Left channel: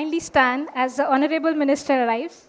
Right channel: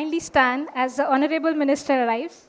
kindly stand as the Honorable Minister arrives.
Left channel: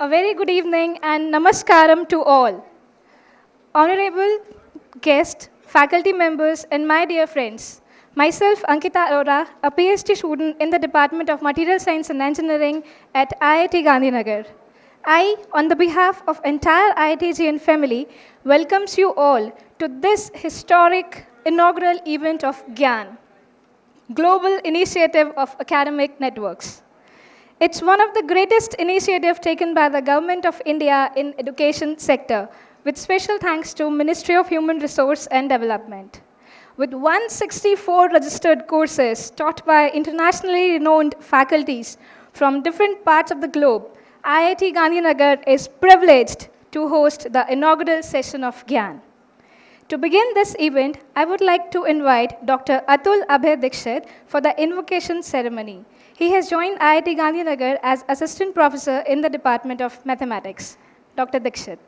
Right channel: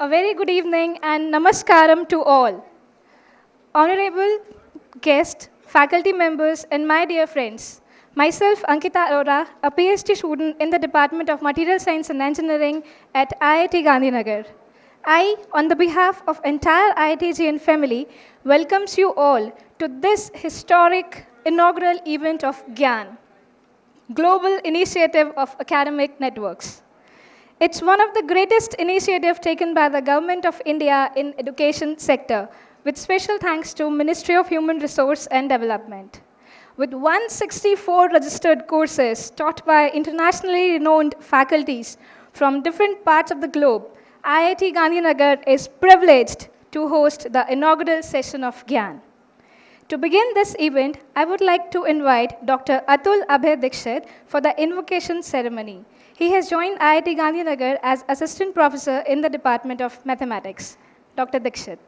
A very good evening and namaskaram to all. Honorable guests, faculty members, and my dear friends. Myself, Ankita Arora, a PhD student in the Department of Material Science and Engineering at IIT Gandhinagar. I, on the behalf of entire IIT GIAN family, welcomes you all to this historic inaugural event of GIAN, Global Initiative of Academic Networks. It's one of the greatest initiatives taken by the Government of India in education sector, with special thanks to Ministry of Human Resource and Development. With 164 registered courses taught by internationally renowned faculties from different parts of the globe, IIT Gandhinagar is privileged to host the inaugural session of GIAN. To begin this event, I would like to invite Dr. Atul Abhay Dikshit for the invocation ceremony. He has joined IIT Gandhinagar as Assistant Professor in the Department of Mathematics. Dr. Dikshit.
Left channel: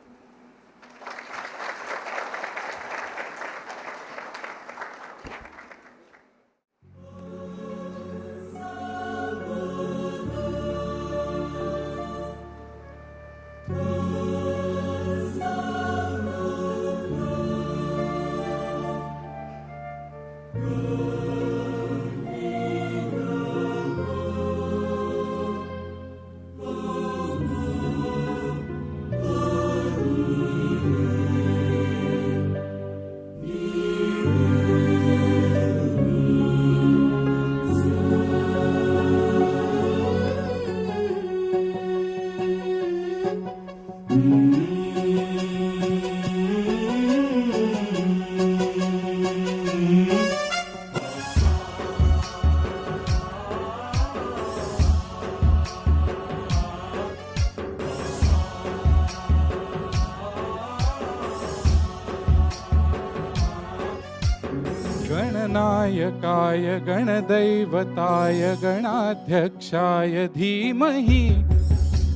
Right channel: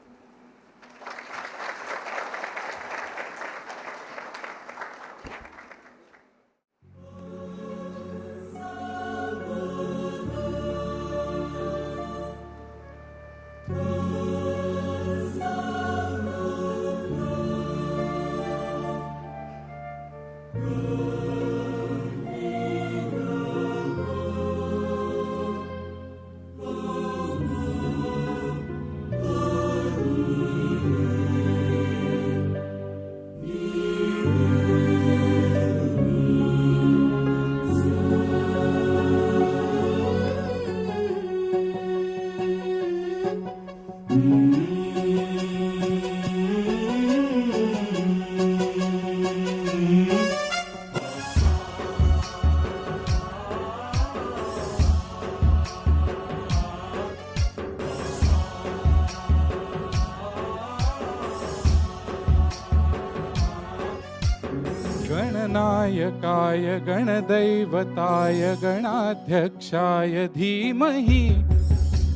गणनायकाय गणदैवताय गणाध्यक्षाय धीमहि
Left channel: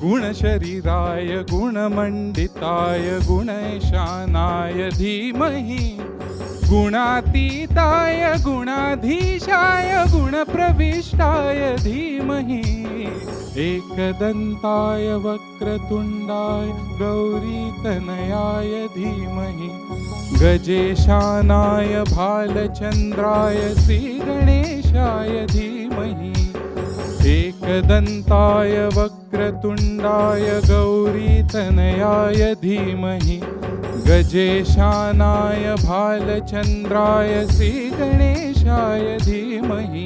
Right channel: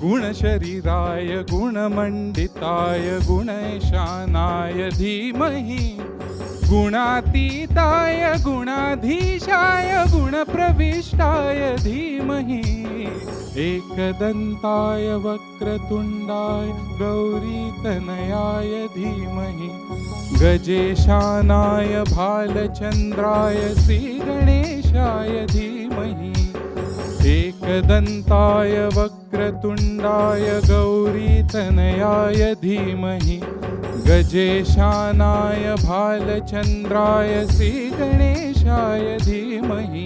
गुणशरीराय गुणमण्डिताय गुणैशानाय धीमहि गुणातीताय गुणाधीशाय गुणप्रविष्टाय धीमहि एकदन्ताय वक्रतुण्डाय गौरीतनयाय धीमहि गजेशानाय भालचन्द्राय श्रीगणेशाय धीमहि एकदन्ताय वक्रतुण्डाय गौरीतनयाय धीमहि गजेशानाय भालचन्द्राय श्रीगणेशाय धीमहि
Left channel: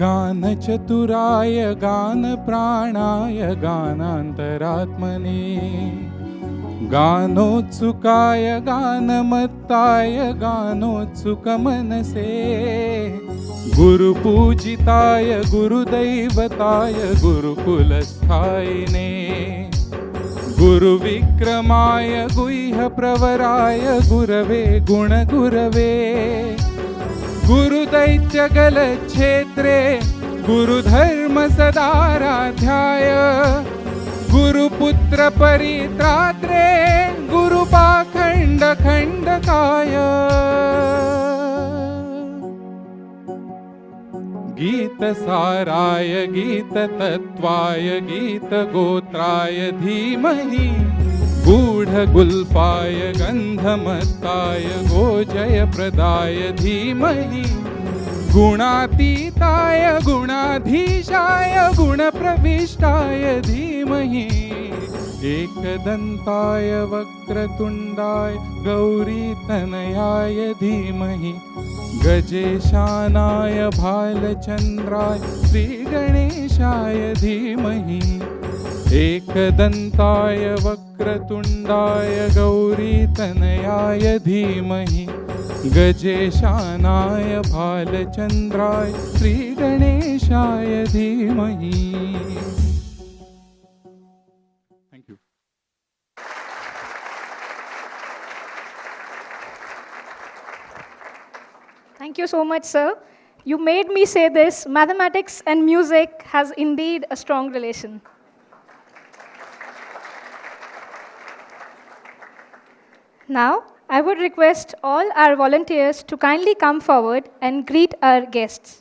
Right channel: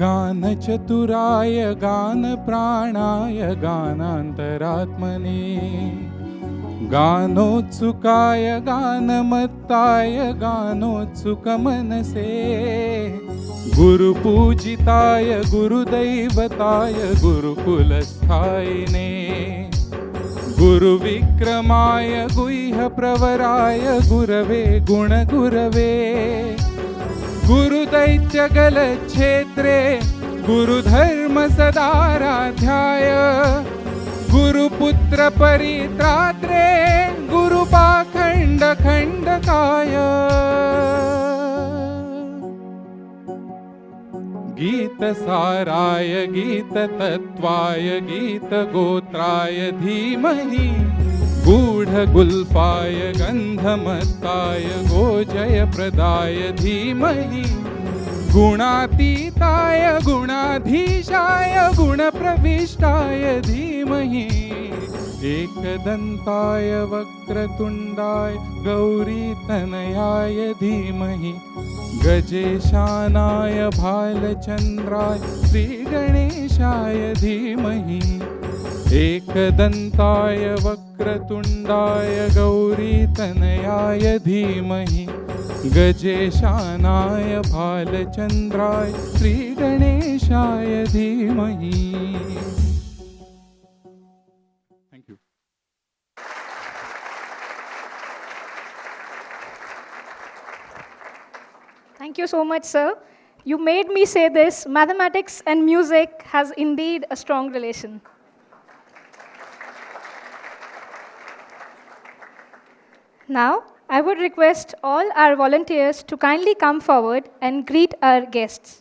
गानचतुराय गानप्राणाय गानान्तरात्मने गानोत्सुकाय गानमत्ताय गानोत्सुकमनसे गुरुपूजिताय गुरुदैवताय गुरुकुलस्थायिने गुरुविक्रमाय गुह्यप्रवराय गुरवे गुणगुरवे गुरुदैत्यगलक्षेत्रे गुरुधर्म सदाराध्याय गुरुपुत्र परित्रात्रे गुरुपाखण्ड खण्डकाय गीतसाराय गीततत्त्वाय गीतगोत्राय धीमहि गूढगुल्पाय गन्धमत्ताय गोजयप्रदाय धीमहि गुणातीताय गुणाधीशाय गुणप्रविष्टाय धीमहि एकदन्ताय वक्रतुण्डाय गौरीतनयाय धीमहि गजेशानाय भालचन्द्राय श्रीगणेशाय धीमहि एकदन्ताय वक्रतुण्डाय गौरीतनयाय धीमहि गजेशानाय भालचन्द्राय श्रीगणेशाय धीमहि. Thank you. Thank you so much, sir. You made me say this. Mathematics and music has indeed a strong relation. Now, I would request all our volunteers to kindly come forward and greet our guests.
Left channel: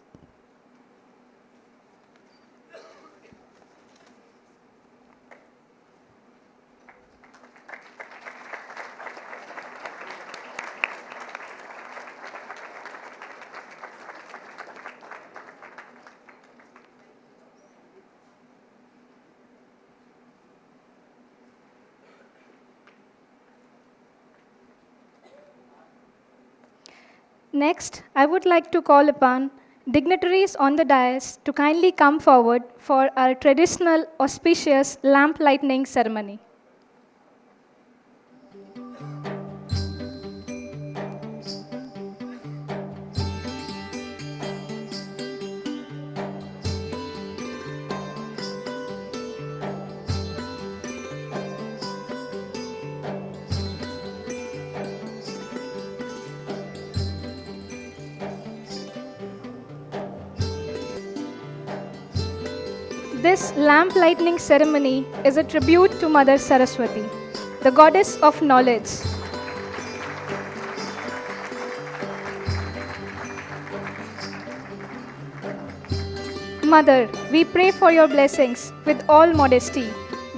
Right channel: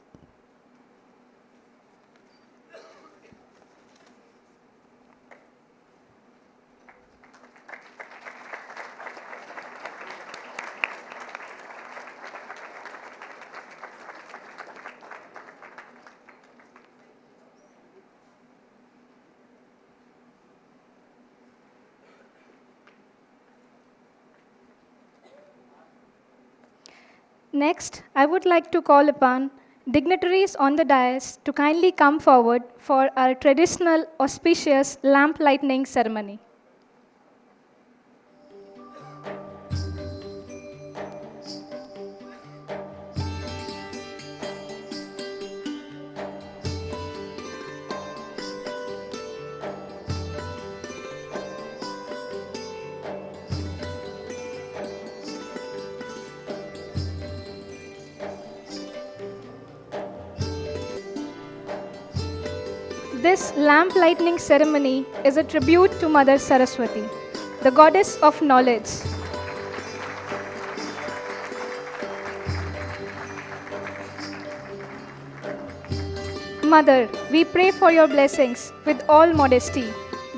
Next, I would like to call upon dignitaries on the dais to kindly come forward for our traditional auspicious lamp lighting ceremony. This lamp lighting ceremony is a tribute to Mother Saraswati, the goddess of knowledge. Mother, we pray for your blessings with all modesty.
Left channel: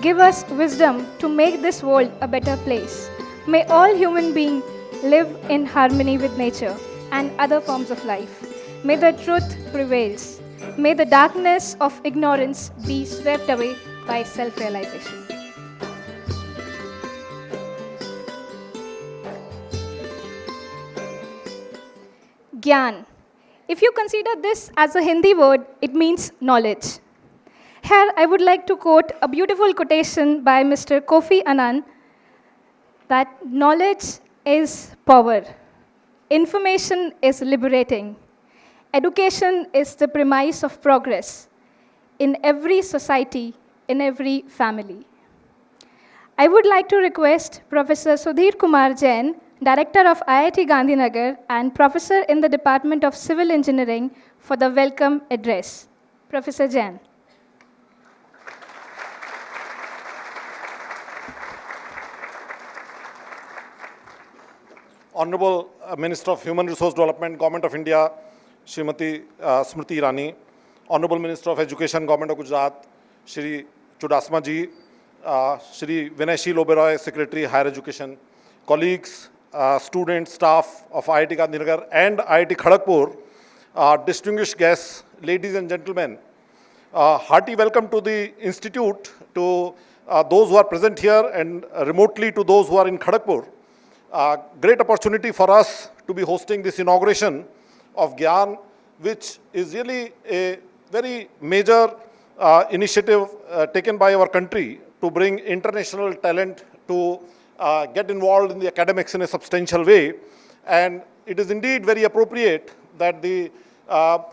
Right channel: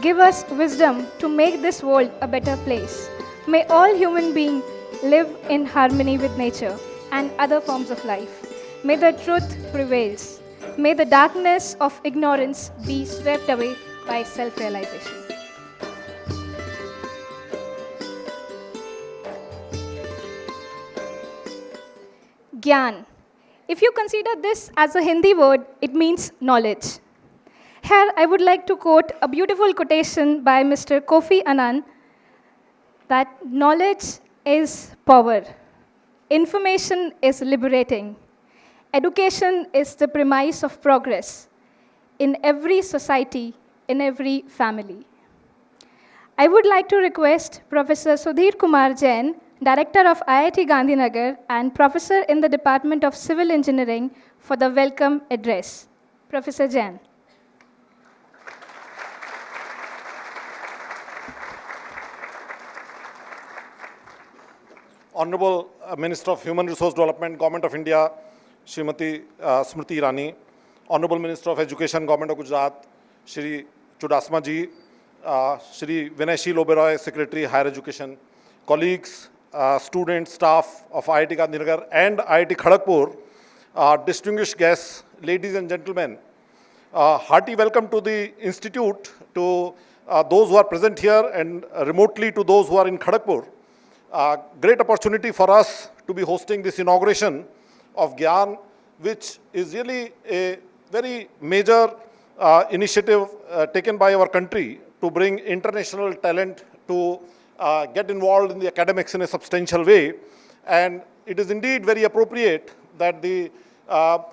Give us wisdom to make this world a better place. May all human beings live in harmony with nature and other forms of life. May the truth prevails. May the darkness of ignorance be swept away by self-realization. GIAN. If you consider this as a Hindi word, it means knowledge. Here, I would like to quote a beautiful quotation by Mr. Kofi Annan that knowledge is power. Information is liberating. Education is the premise of progress in every society, in every family. I would like to request Professor Sudhir Kumar Jain, Director of IIT Gandhinagar and Professor in the Department of Civil Engineering, for the welcome address. Professor Jain. Honorable Minister of Human Resource Development, Government of India, Srimati Smriti Irani, Honorable Minister of Education, Government of Gujarat, Shri Chudasma ji, Shri Vinayshil Oberoi, Secretary, Higher Education, colleagues, students, staff of IIT Gandhinagar and IIT Kharagpur, distinguished guests, ladies and gentlemen, hearty welcome to the Institute, to those who are present here and remotely to those who are in Kharagpur. Great opportunity for us to be hosting this inauguration of GIAN, which is really a very major initiative taken by our country to bring international talent to get involved in the academics in a substantial way. And it is indeed very appropriate that the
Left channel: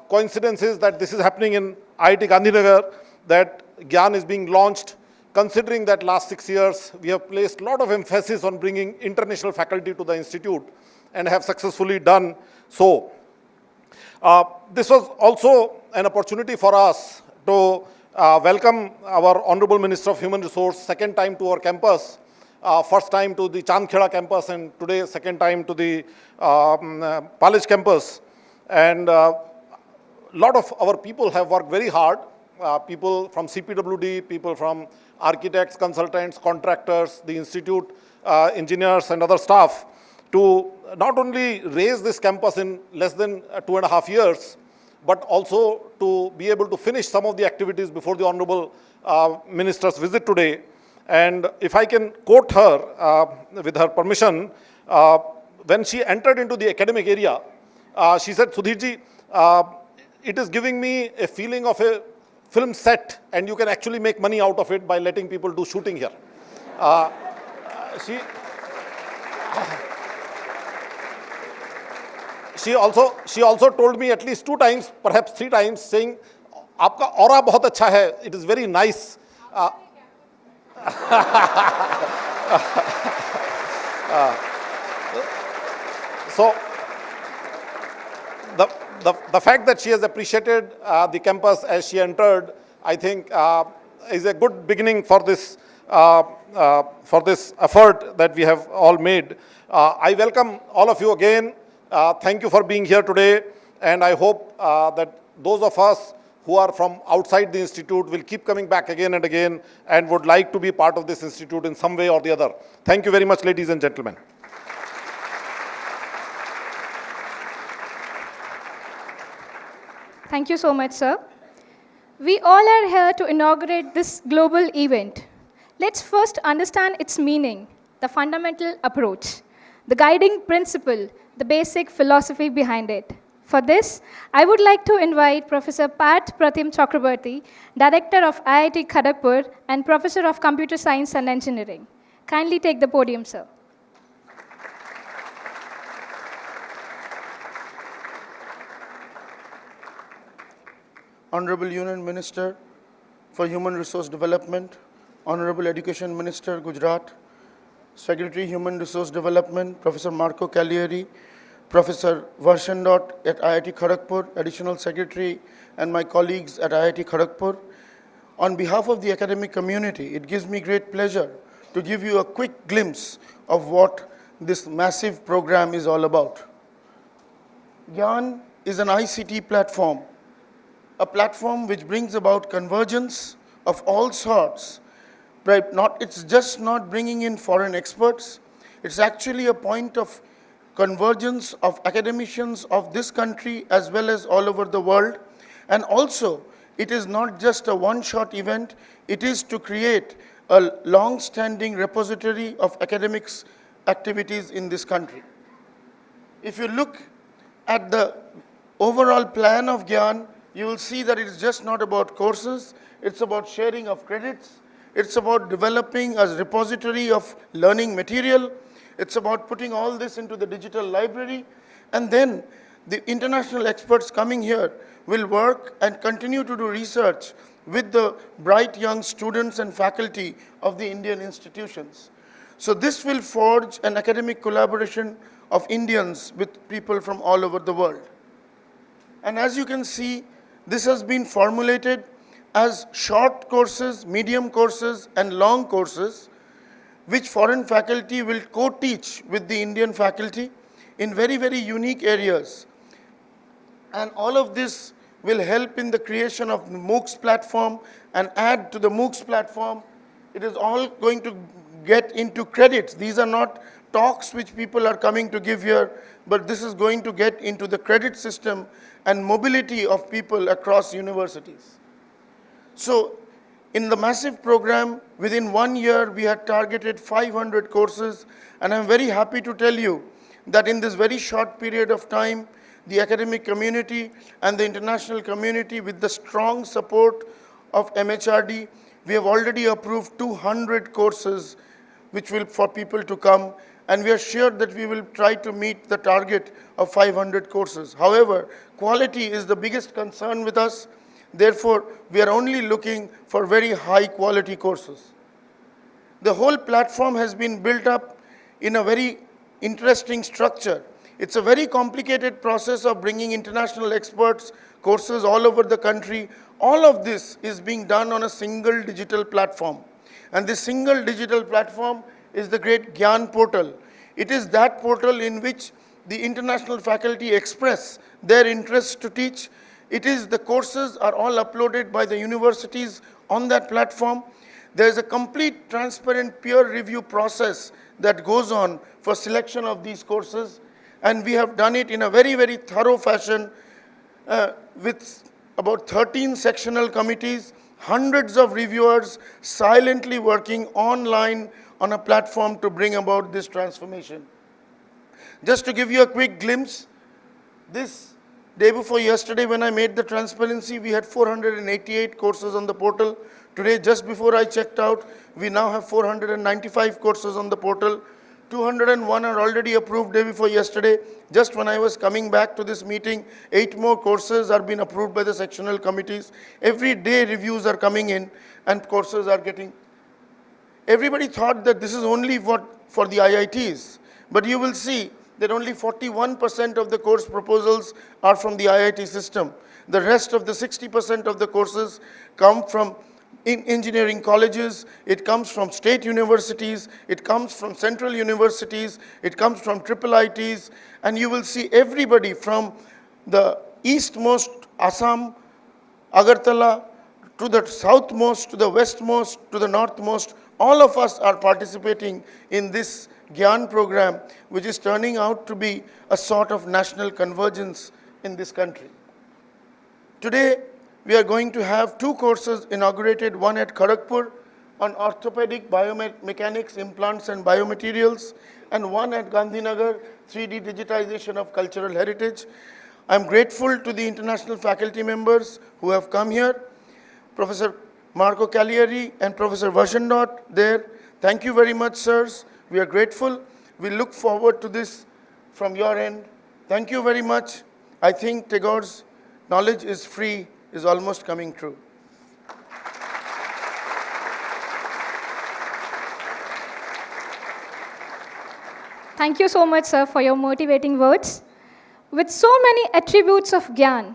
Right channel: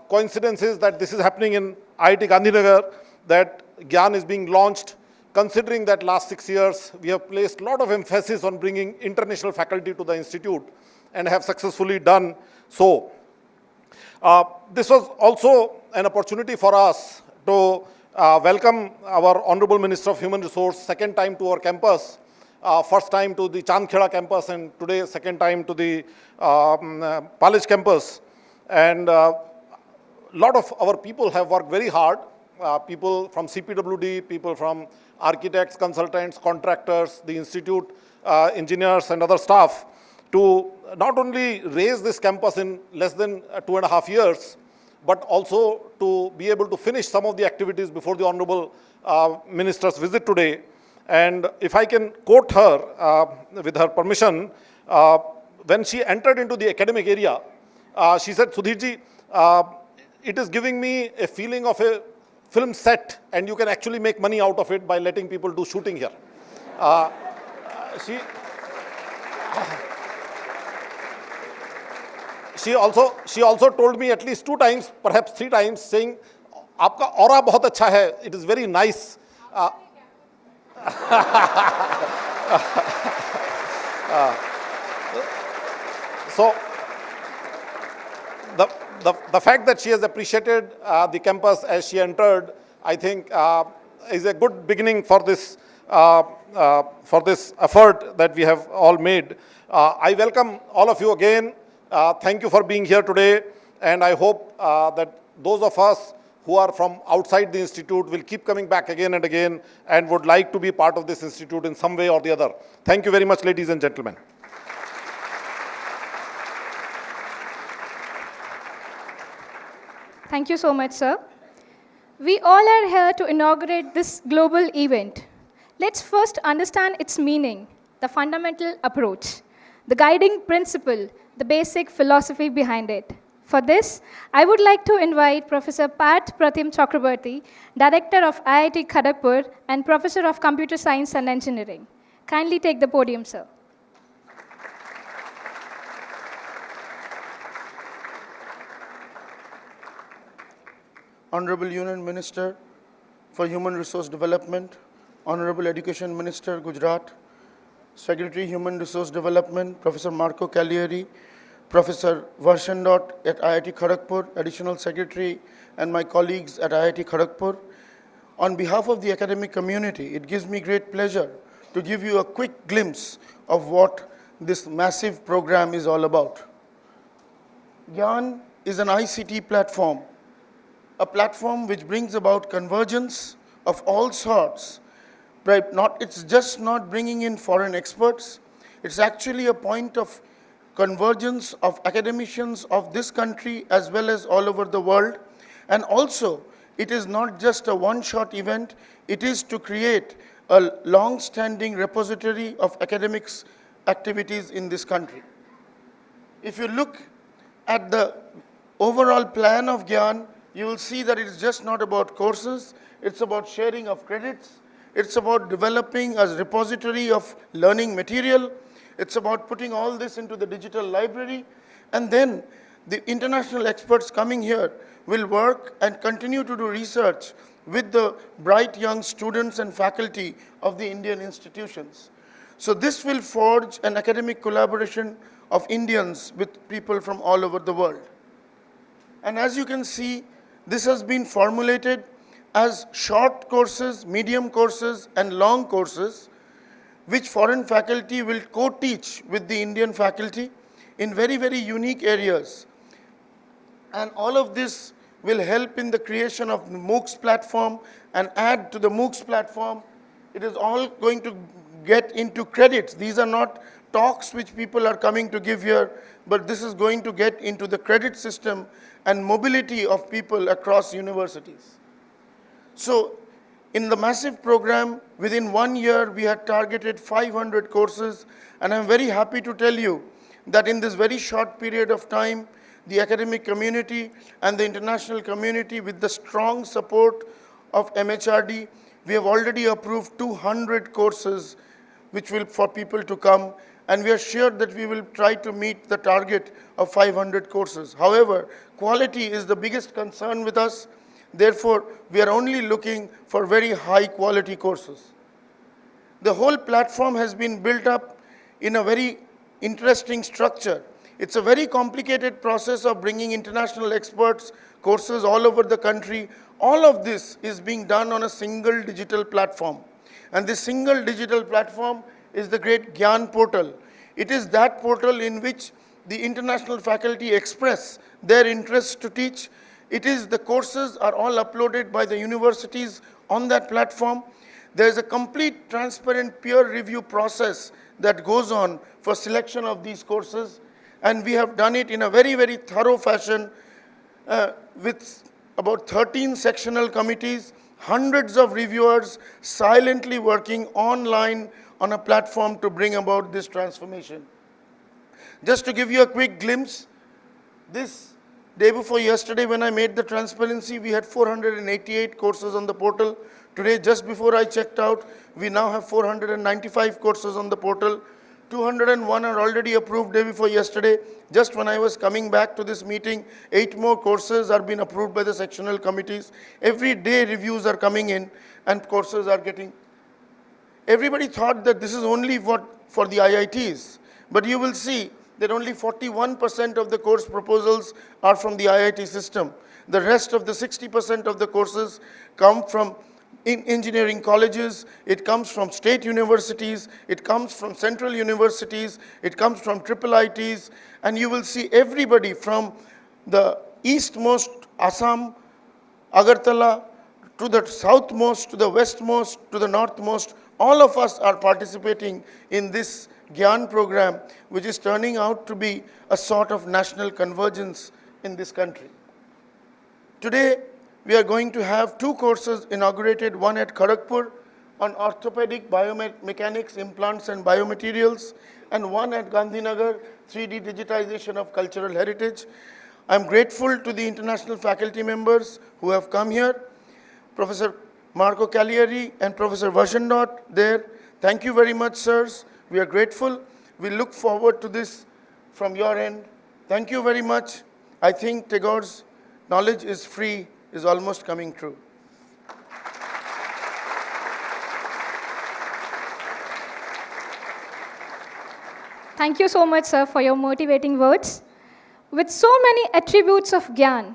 coincidence is that this is happening in IIT Gandhinagar, that GIAN is being launched, considering that last 6 years we have placed a lot of emphasis on bringing international faculty to the institute and have successfully done so. This was also an opportunity for us to welcome our Honorable Minister of Human Resource second time to our campus. First time to the Chandkheda campus and today second time to the Palej campus. And lot of our people have worked very hard. People from CPWD, people from architects, consultants, contractors, the institute, engineers and other staff to not only raise this campus in less than 2.5 years, but also to be able to finish some of the activities before the Honorable Minister's visit today. And if I can quote her with her permission, when she entered into the academic area, she said, Sudhirji, it is giving me a feeling of a film set and you can actually make money out of it by letting people do shooting here. She also told me at least 2 times, perhaps 3 times, saying, "Aapka aura bahut acha hai. It is very nice." So the fact that she has appreciated the campus as she entered, I think, is a good beginning for this effort that we have all made. I welcome all of you again. Thank you for being here today, and I hope that those of us who are from outside the institute will keep coming back again and again and would like to be part of this institute in some way or the other. Thank you very much, ladies and gentlemen. Thank you so much, sir. We all are here to inaugurate this global event. Let's first understand its meaning, the fundamental approach, the guiding principle, the basic philosophy behind it. For this, I would like to invite Professor Parth Pratim Chakrabarti, Director of IIT Kharagpur and Professor of Computer Science and Engineering. Kindly take the podium, sir. Honorable Union Minister for Human Resource Development, Honorable Education Minister, Gujarat, Secretary Human Resource Development, Professor Marco Cagliari, Professor Varshandot at IIT Kharagpur, Additional Secretary, and my colleagues at IIT Kharagpur. On behalf of the academic community, it gives me great pleasure to give you a quick glimpse of what this massive program is all about. GIAN is an ICT platform, a platform which brings about convergence of all sorts. Right? It's just not bringing in foreign experts. It's actually a point of convergence of academicians of this country as well as all over the world. And also, it is not just a one-shot event. It is to create a long-standing repository of academics activities in this country. If you look at the overall plan of GIAN, you will see that it is just not about courses, it's about sharing of credits, it's about developing a repository of learning material, it's about putting all this into the digital library, and then the international experts coming here will work and continue to do research with the bright young students and faculty of the Indian institutions. So this will forge an academic collaboration of Indians with people from all over the world. And as you can see, this has been formulated as short courses, medium courses, and long courses, which foreign faculty will co-teach with the Indian faculty in very, very unique areas. And all of this will help in the creation of the MOOCs platform and add to the MOOCs platform. It is all going to get into credits. These are not talks which people are coming to give here, but this is going to get into the credit system and mobility of people across universities. So in the massive program, within 1 year, we had targeted 500 courses, and I'm very happy to tell you that in this very short period of time, the academic community and the international community, with the strong support of MHRD, we have already approved 200 courses which will for people to come, and we are sure that we will try to meet the target of 500 courses. However, quality is the biggest concern with us. Therefore, we are only looking for very high quality courses. The whole platform has been built up in a very interesting structure. It's a very complicated process of bringing international experts, courses all over the country. All of this is being done on a single digital platform. And this single digital platform is the great GIAN portal. It is that portal in which the international faculty express their interest to teach. It is the courses are all uploaded by the universities on that platform. There is a complete transparent peer review process that goes on for selection of these courses. And we have done it in a very, very thorough fashion with about 13 sectional committees, hundreds of reviewers silently working online on a platform to bring about this transformation. Just to give you a quick glimpse, this day before yesterday when I made the transparency, we had 488 courses on the portal. Today, just before I checked out, we now have 495 courses on the portal. 201 are already approved day before yesterday. Just when I was coming back to this meeting, 8 more courses are being approved by the sectional committees. Every day reviews are coming in and courses are getting. Everybody thought that this is only for the IITs, but you will see that only 41% of the course proposals are from the IIT system. The rest of the 60% of the courses come from engineering colleges, it comes from state universities, it comes from central universities, it comes from IIITs, and you will see everybody from the eastmost Assam, Agartala, to the southmost, to the westmost, to the northmost. All of us are participating in this GIAN program, which is turning out to be a sort of national convergence in this country. Today, we are going to have 2 courses inaugurated, one at Kharagpur on orthopedic biomechanics, implants and biomaterials, and one at Gandhinagar, 3D digitization of cultural heritage. I'm grateful to the international faculty members who have come here, Professor Marco Cagliari and Professor Vashendot there. Thank you very much, sirs. We are grateful. We look forward to this from your end. Thank you very much. I think Tagore's knowledge is free is almost coming true. Thank you so much, sir, for your motivating words. With so many attributes of GIAN,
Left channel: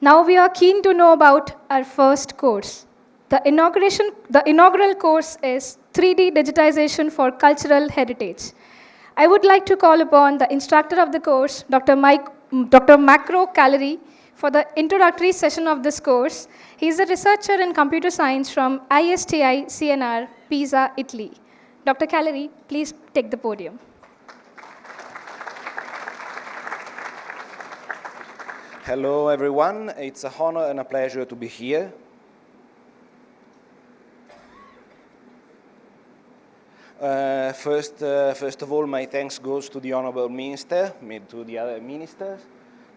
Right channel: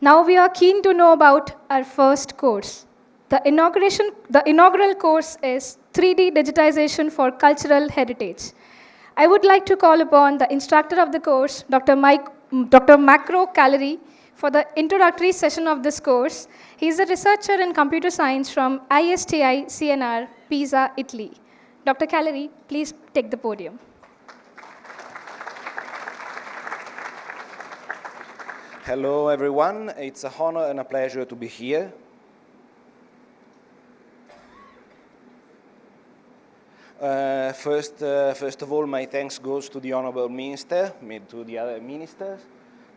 now we are keen to know about our first course. The inaugural course is 3D digitization for cultural heritage. I would like to call upon the instructor of the course, Dr. Macro Cagliari, for the introductory session of this course. He is a researcher in computer science from ISTI CNR, Pisa, Italy. Dr. Cagliari, please take the podium. Hello, everyone. It's a honor and a pleasure to be here. First of all, my thanks goes to the Honorable Minister, to the other ministers,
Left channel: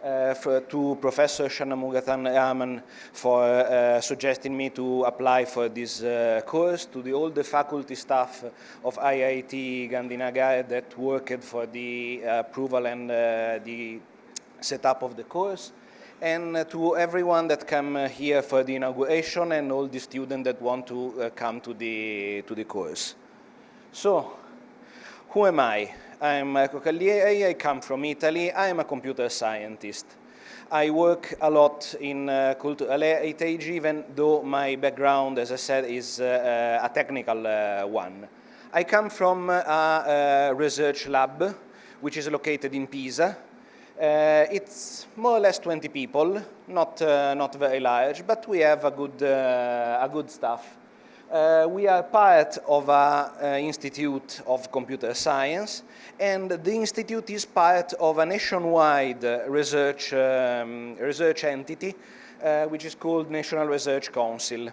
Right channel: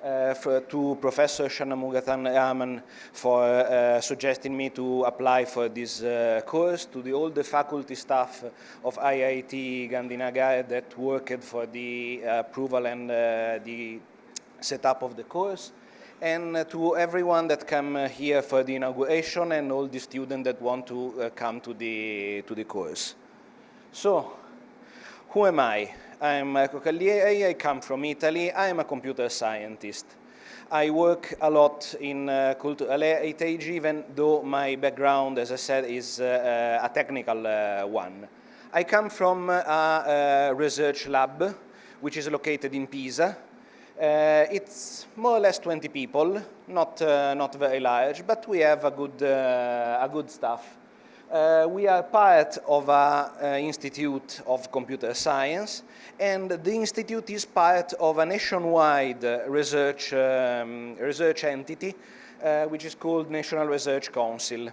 to Professor Shanmugam Raman for suggesting me to apply for this course, to all the faculty staff of IIT Gandhinagar that worked for the approval and the setup of the course, and to everyone that came here for the inauguration and all the students that want to come to the course. So, who am I? I'm Marco Cagliari, I come from Italy, I am a computer scientist. I work a lot in cultural heritage, even though my background, as I said, is a technical one. I come from a research lab, which is located in Pisa. It's more or less 20 people, not very large, but we have a good staff. We are part of an institute of computer science, and the institute is part of a nationwide research entity, which is called National Research Council.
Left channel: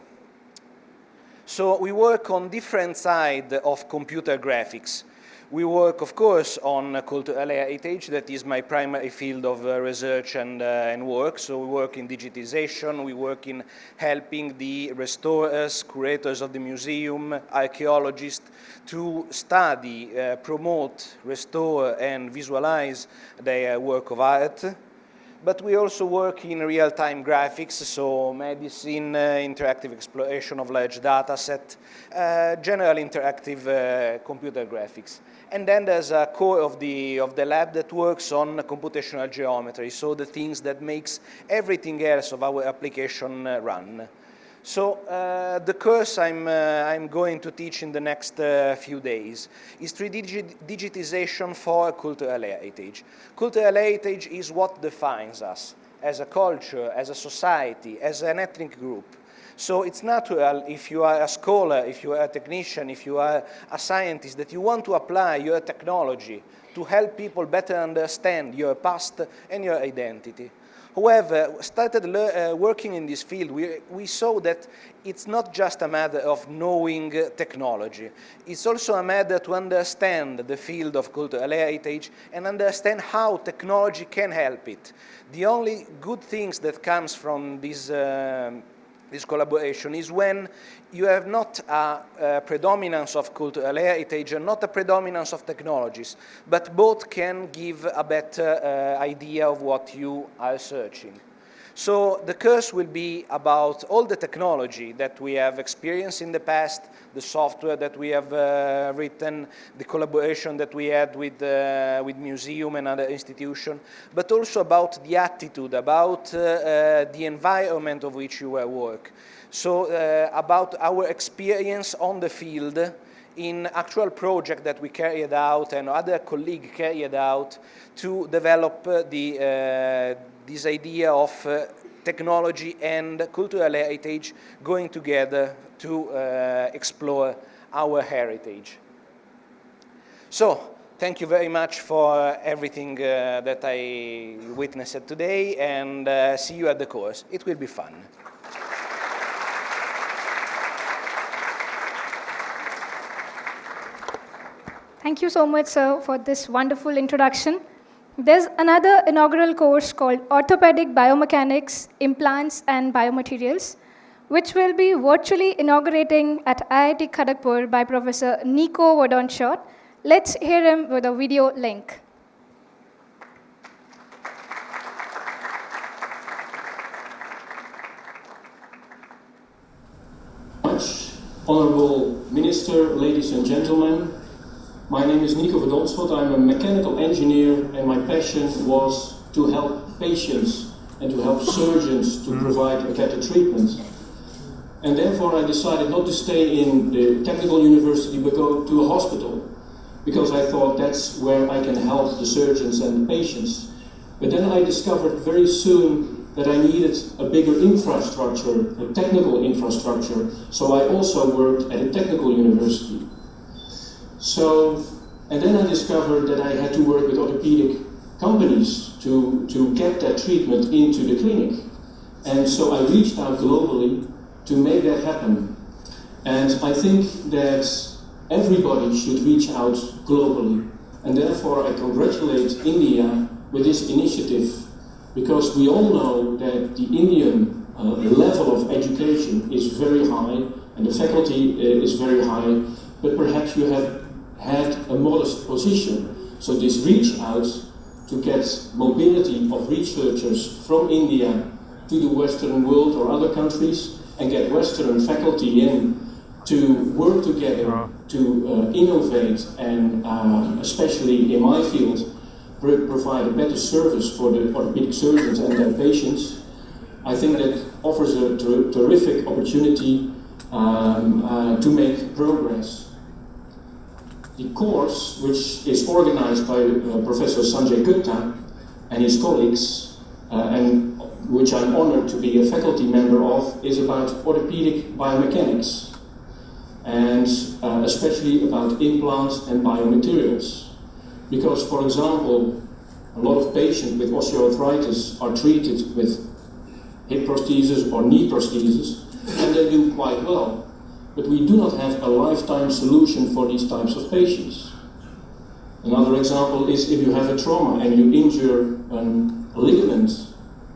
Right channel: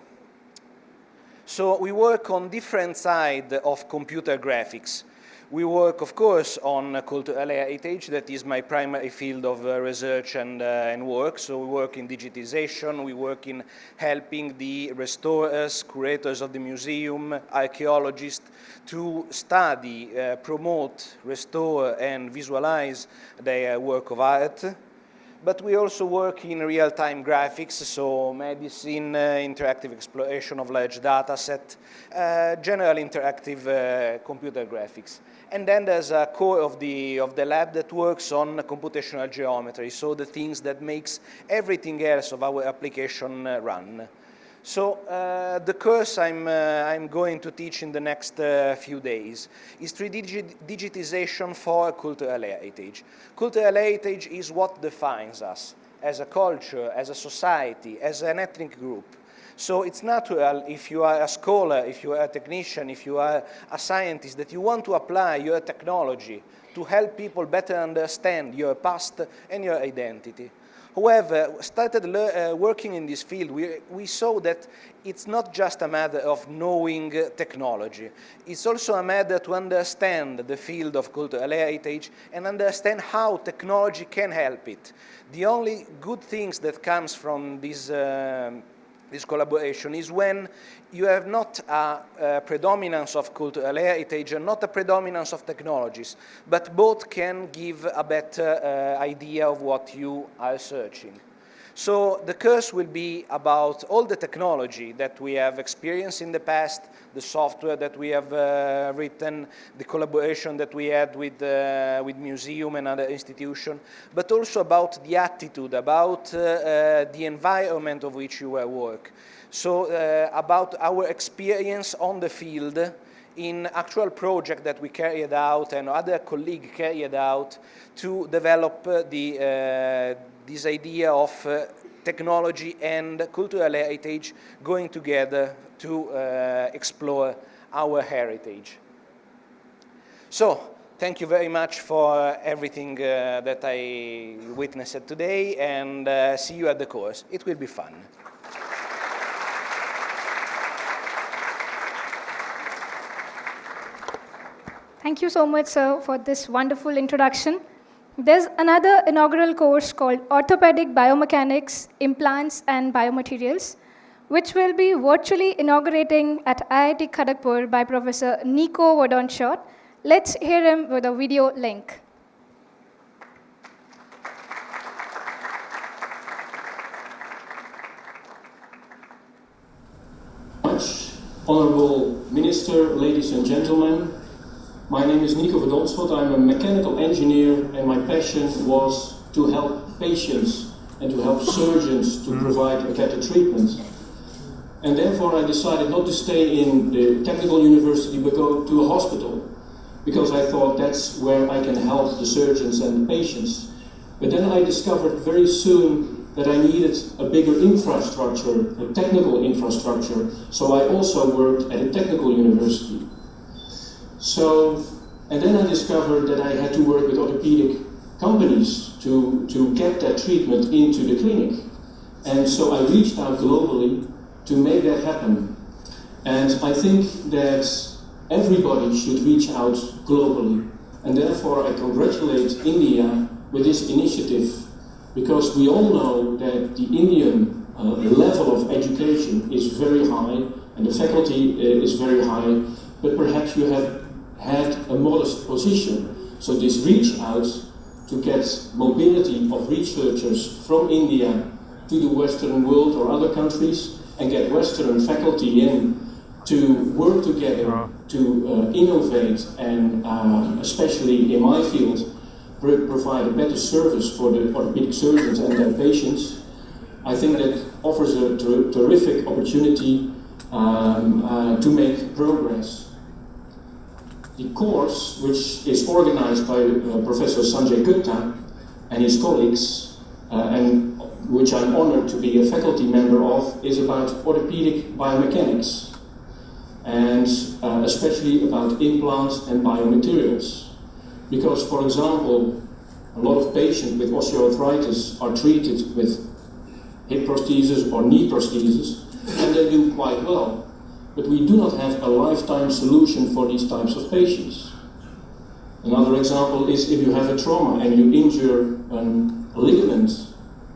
So we work on different sides of computer graphics. We work, of course, on cultural heritage. That is my primary field of research and work. So we work in digitization, we work in helping the restorers, curators of the museum, archaeologists to study, promote, restore, and visualize their work of art. but we also work in real-time graphics, so medicine, interactive exploration of large data set, general interactive computer graphics. And then there's a core of the lab that works on computational geometry, so the things that makes everything else of our application run. So the course I'm going to teach in the next few days is 3D digitization for cultural heritage. Cultural heritage is what defines us as a culture, as a society, as an ethnic group. So it's natural if you are a scholar, if you are a technician, if you are a scientist, that you want to apply your technology to help people better understand your past and your identity. However, started working in this field, we saw that it's not just a matter of knowing technology. It's also a matter to understand the field of cultural heritage and understand how technology can help it. The only good things that comes from this collaboration is when you have not a predominance of cultural heritage and not a predominance of technologies, but both can give a better idea of what you are searching. So the course will be about all the technology that we have experienced in the past, the software that we have written, the collaboration that we had with museum and other institutions, but also about the attitude, about the environment of which you work. So about our experience on the field in actual project that we carried out and other colleagues carried out to develop this idea of technology and cultural heritage going together to explore our heritage. So, thank you very much for everything that I witnessed today, and see you at the course. It will be fun. Thank you so much, sir, for this wonderful introduction. There's another inaugural course called Orthopedic Biomechanics, Implants and Biomaterials, which will be virtually inaugurating at IIT Kharagpur by Professor Nico Wadonshot. Let's hear him with a video link. Honorable Minister, ladies and gentlemen, my name is Nico Wadonshot. I'm a mechanical engineer, and my passion was to help patients and to help surgeons to provide a better treatment. And therefore I decided not to stay in the technical university but go to a hospital, because I thought that's where I can help the surgeons and the patients. But then I discovered very soon that I needed a bigger infrastructure, a technical infrastructure, so I also worked at a technical university. And then I discovered that I had to work with orthopedic companies to get that treatment into the clinic. And so I reached out globally to make that happen. And I think that everybody should reach out globally. And therefore I congratulate India with this initiative, because we all know that the Indian level of education is very high and the faculty is very high, but perhaps you have had a modest position. So this reach out to get mobility of researchers from India to the Western world or other countries and get Western faculty in to work together to innovate and especially in my field provide a better service for the orthopedic surgeons and their patients. I think that offers a terrific opportunity to make progress. The course, which is organized by Professor Sanjay Gupta and his colleagues, and which I'm honored to be a faculty member of, is about orthopedic biomechanics, and especially about implants and biomaterials. Because, for example, a lot of patients with osteoarthritis are treated with hip prosthesis or knee prosthesis, and they do quite well. But we do not have a lifetime solution for these types of patients. Another example is if you have a trauma and you injure a ligament,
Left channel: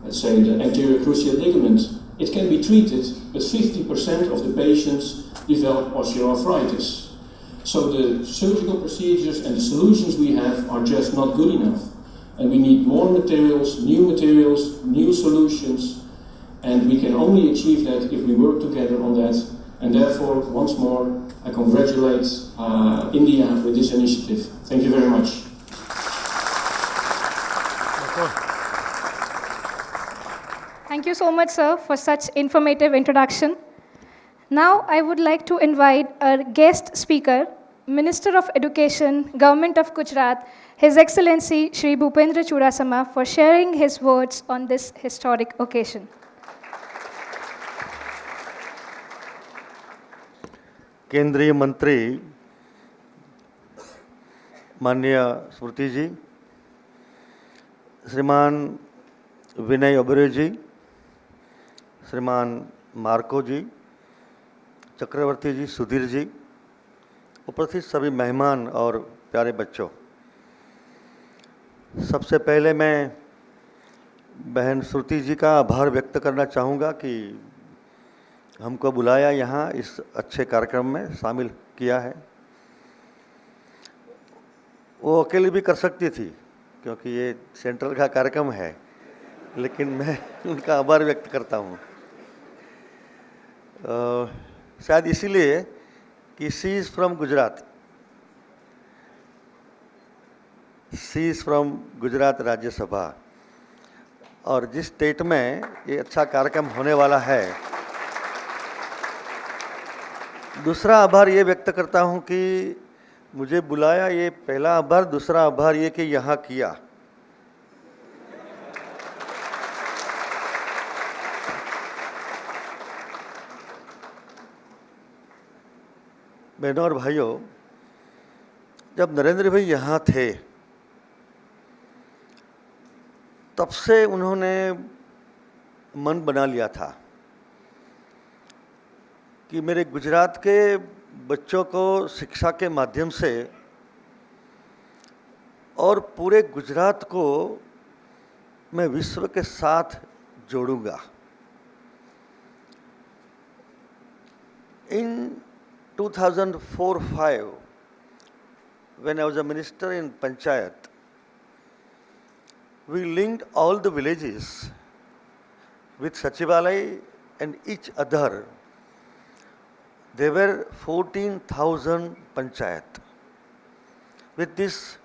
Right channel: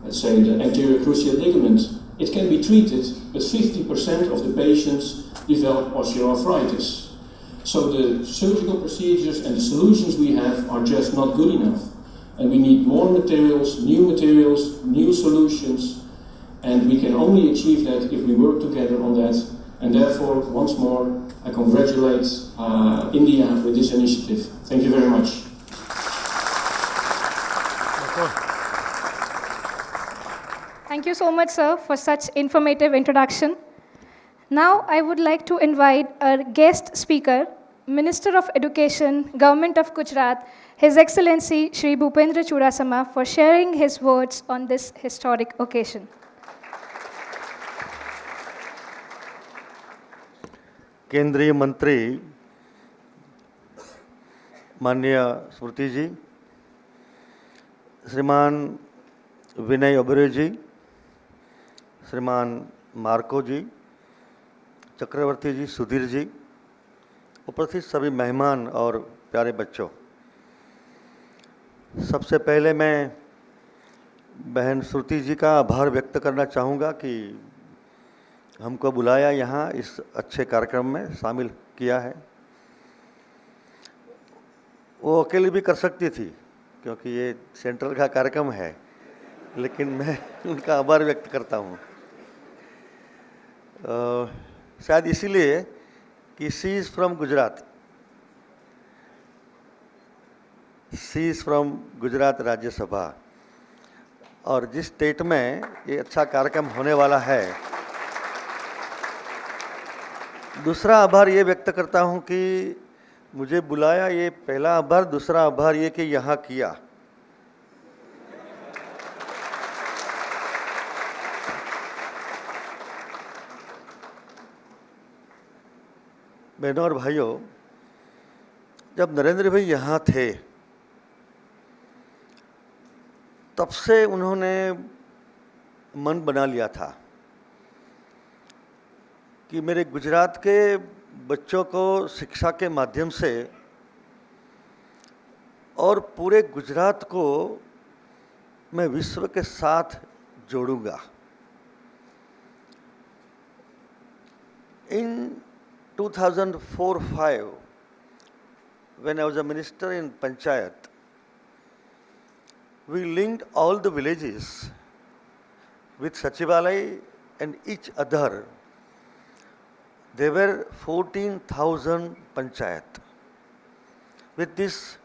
let's say the anterior cruciate ligament, it can be treated, but 50% of the patients develop osteoarthritis. So the surgical procedures and the solutions we have are just not good enough. And we need more materials, new solutions, and we can only achieve that if we work together on that. And therefore, once more, I congratulate India with this initiative. Thank you very much. Thank you so much, sir, for such informative introduction. Now, I would like to invite our guest speaker, Minister of Education, Government of Gujarat, His Excellency Shri Bhupendra Chudasama, for sharing his words on this historic occasion. केंद्रीय मंत्री माननीय स्मृति जी, श्रीमान विनय ओबेरॉय जी, श्रीमान Marco जी, चक्रवर्ती जी, सुधीर जी, उपस्थित सभी मेहमान और प्यारे बच्चों, सबसे पहले मैं बहन श्रुति जी का आभार व्यक्त करना चाहूँगा कि हमको बुलाया यहाँ इस अच्छे कार्यक्रम में शामिल किया है। वो अकेले भी कर सकती थी क्योंकि ये सेंट्रल का कार्यक्रम है, लेकिन मैं उनका आभार व्यक्त करता हूँ। शायद इसीलिए कि she is from Gujarat, she is from Gujarat Rajya Sabha, और जिस स्टेट में ये अच्छा कार्यक्रम होने वाला है, दूसरा आभार ये व्यक्त करता हूँ कि मुझे बुलाया, ये पहला आभार। दूसरा आभार ये कि यहाँ किया। बहनों और भाइयों, जब नरेंद्र भाई यहाँ थे तब से उन्होंने मन बना लिया था कि मेरे गुजरात के बच्चों को शिक्षा के माध्यम से और पूरे गुजरात को मैं विश्व के साथ जोड़ूंगा। In 2004-05, when I was a minister in Panchayat, we linked all the villages with Sachivalai and each other. There were 14,000 panchayat. With this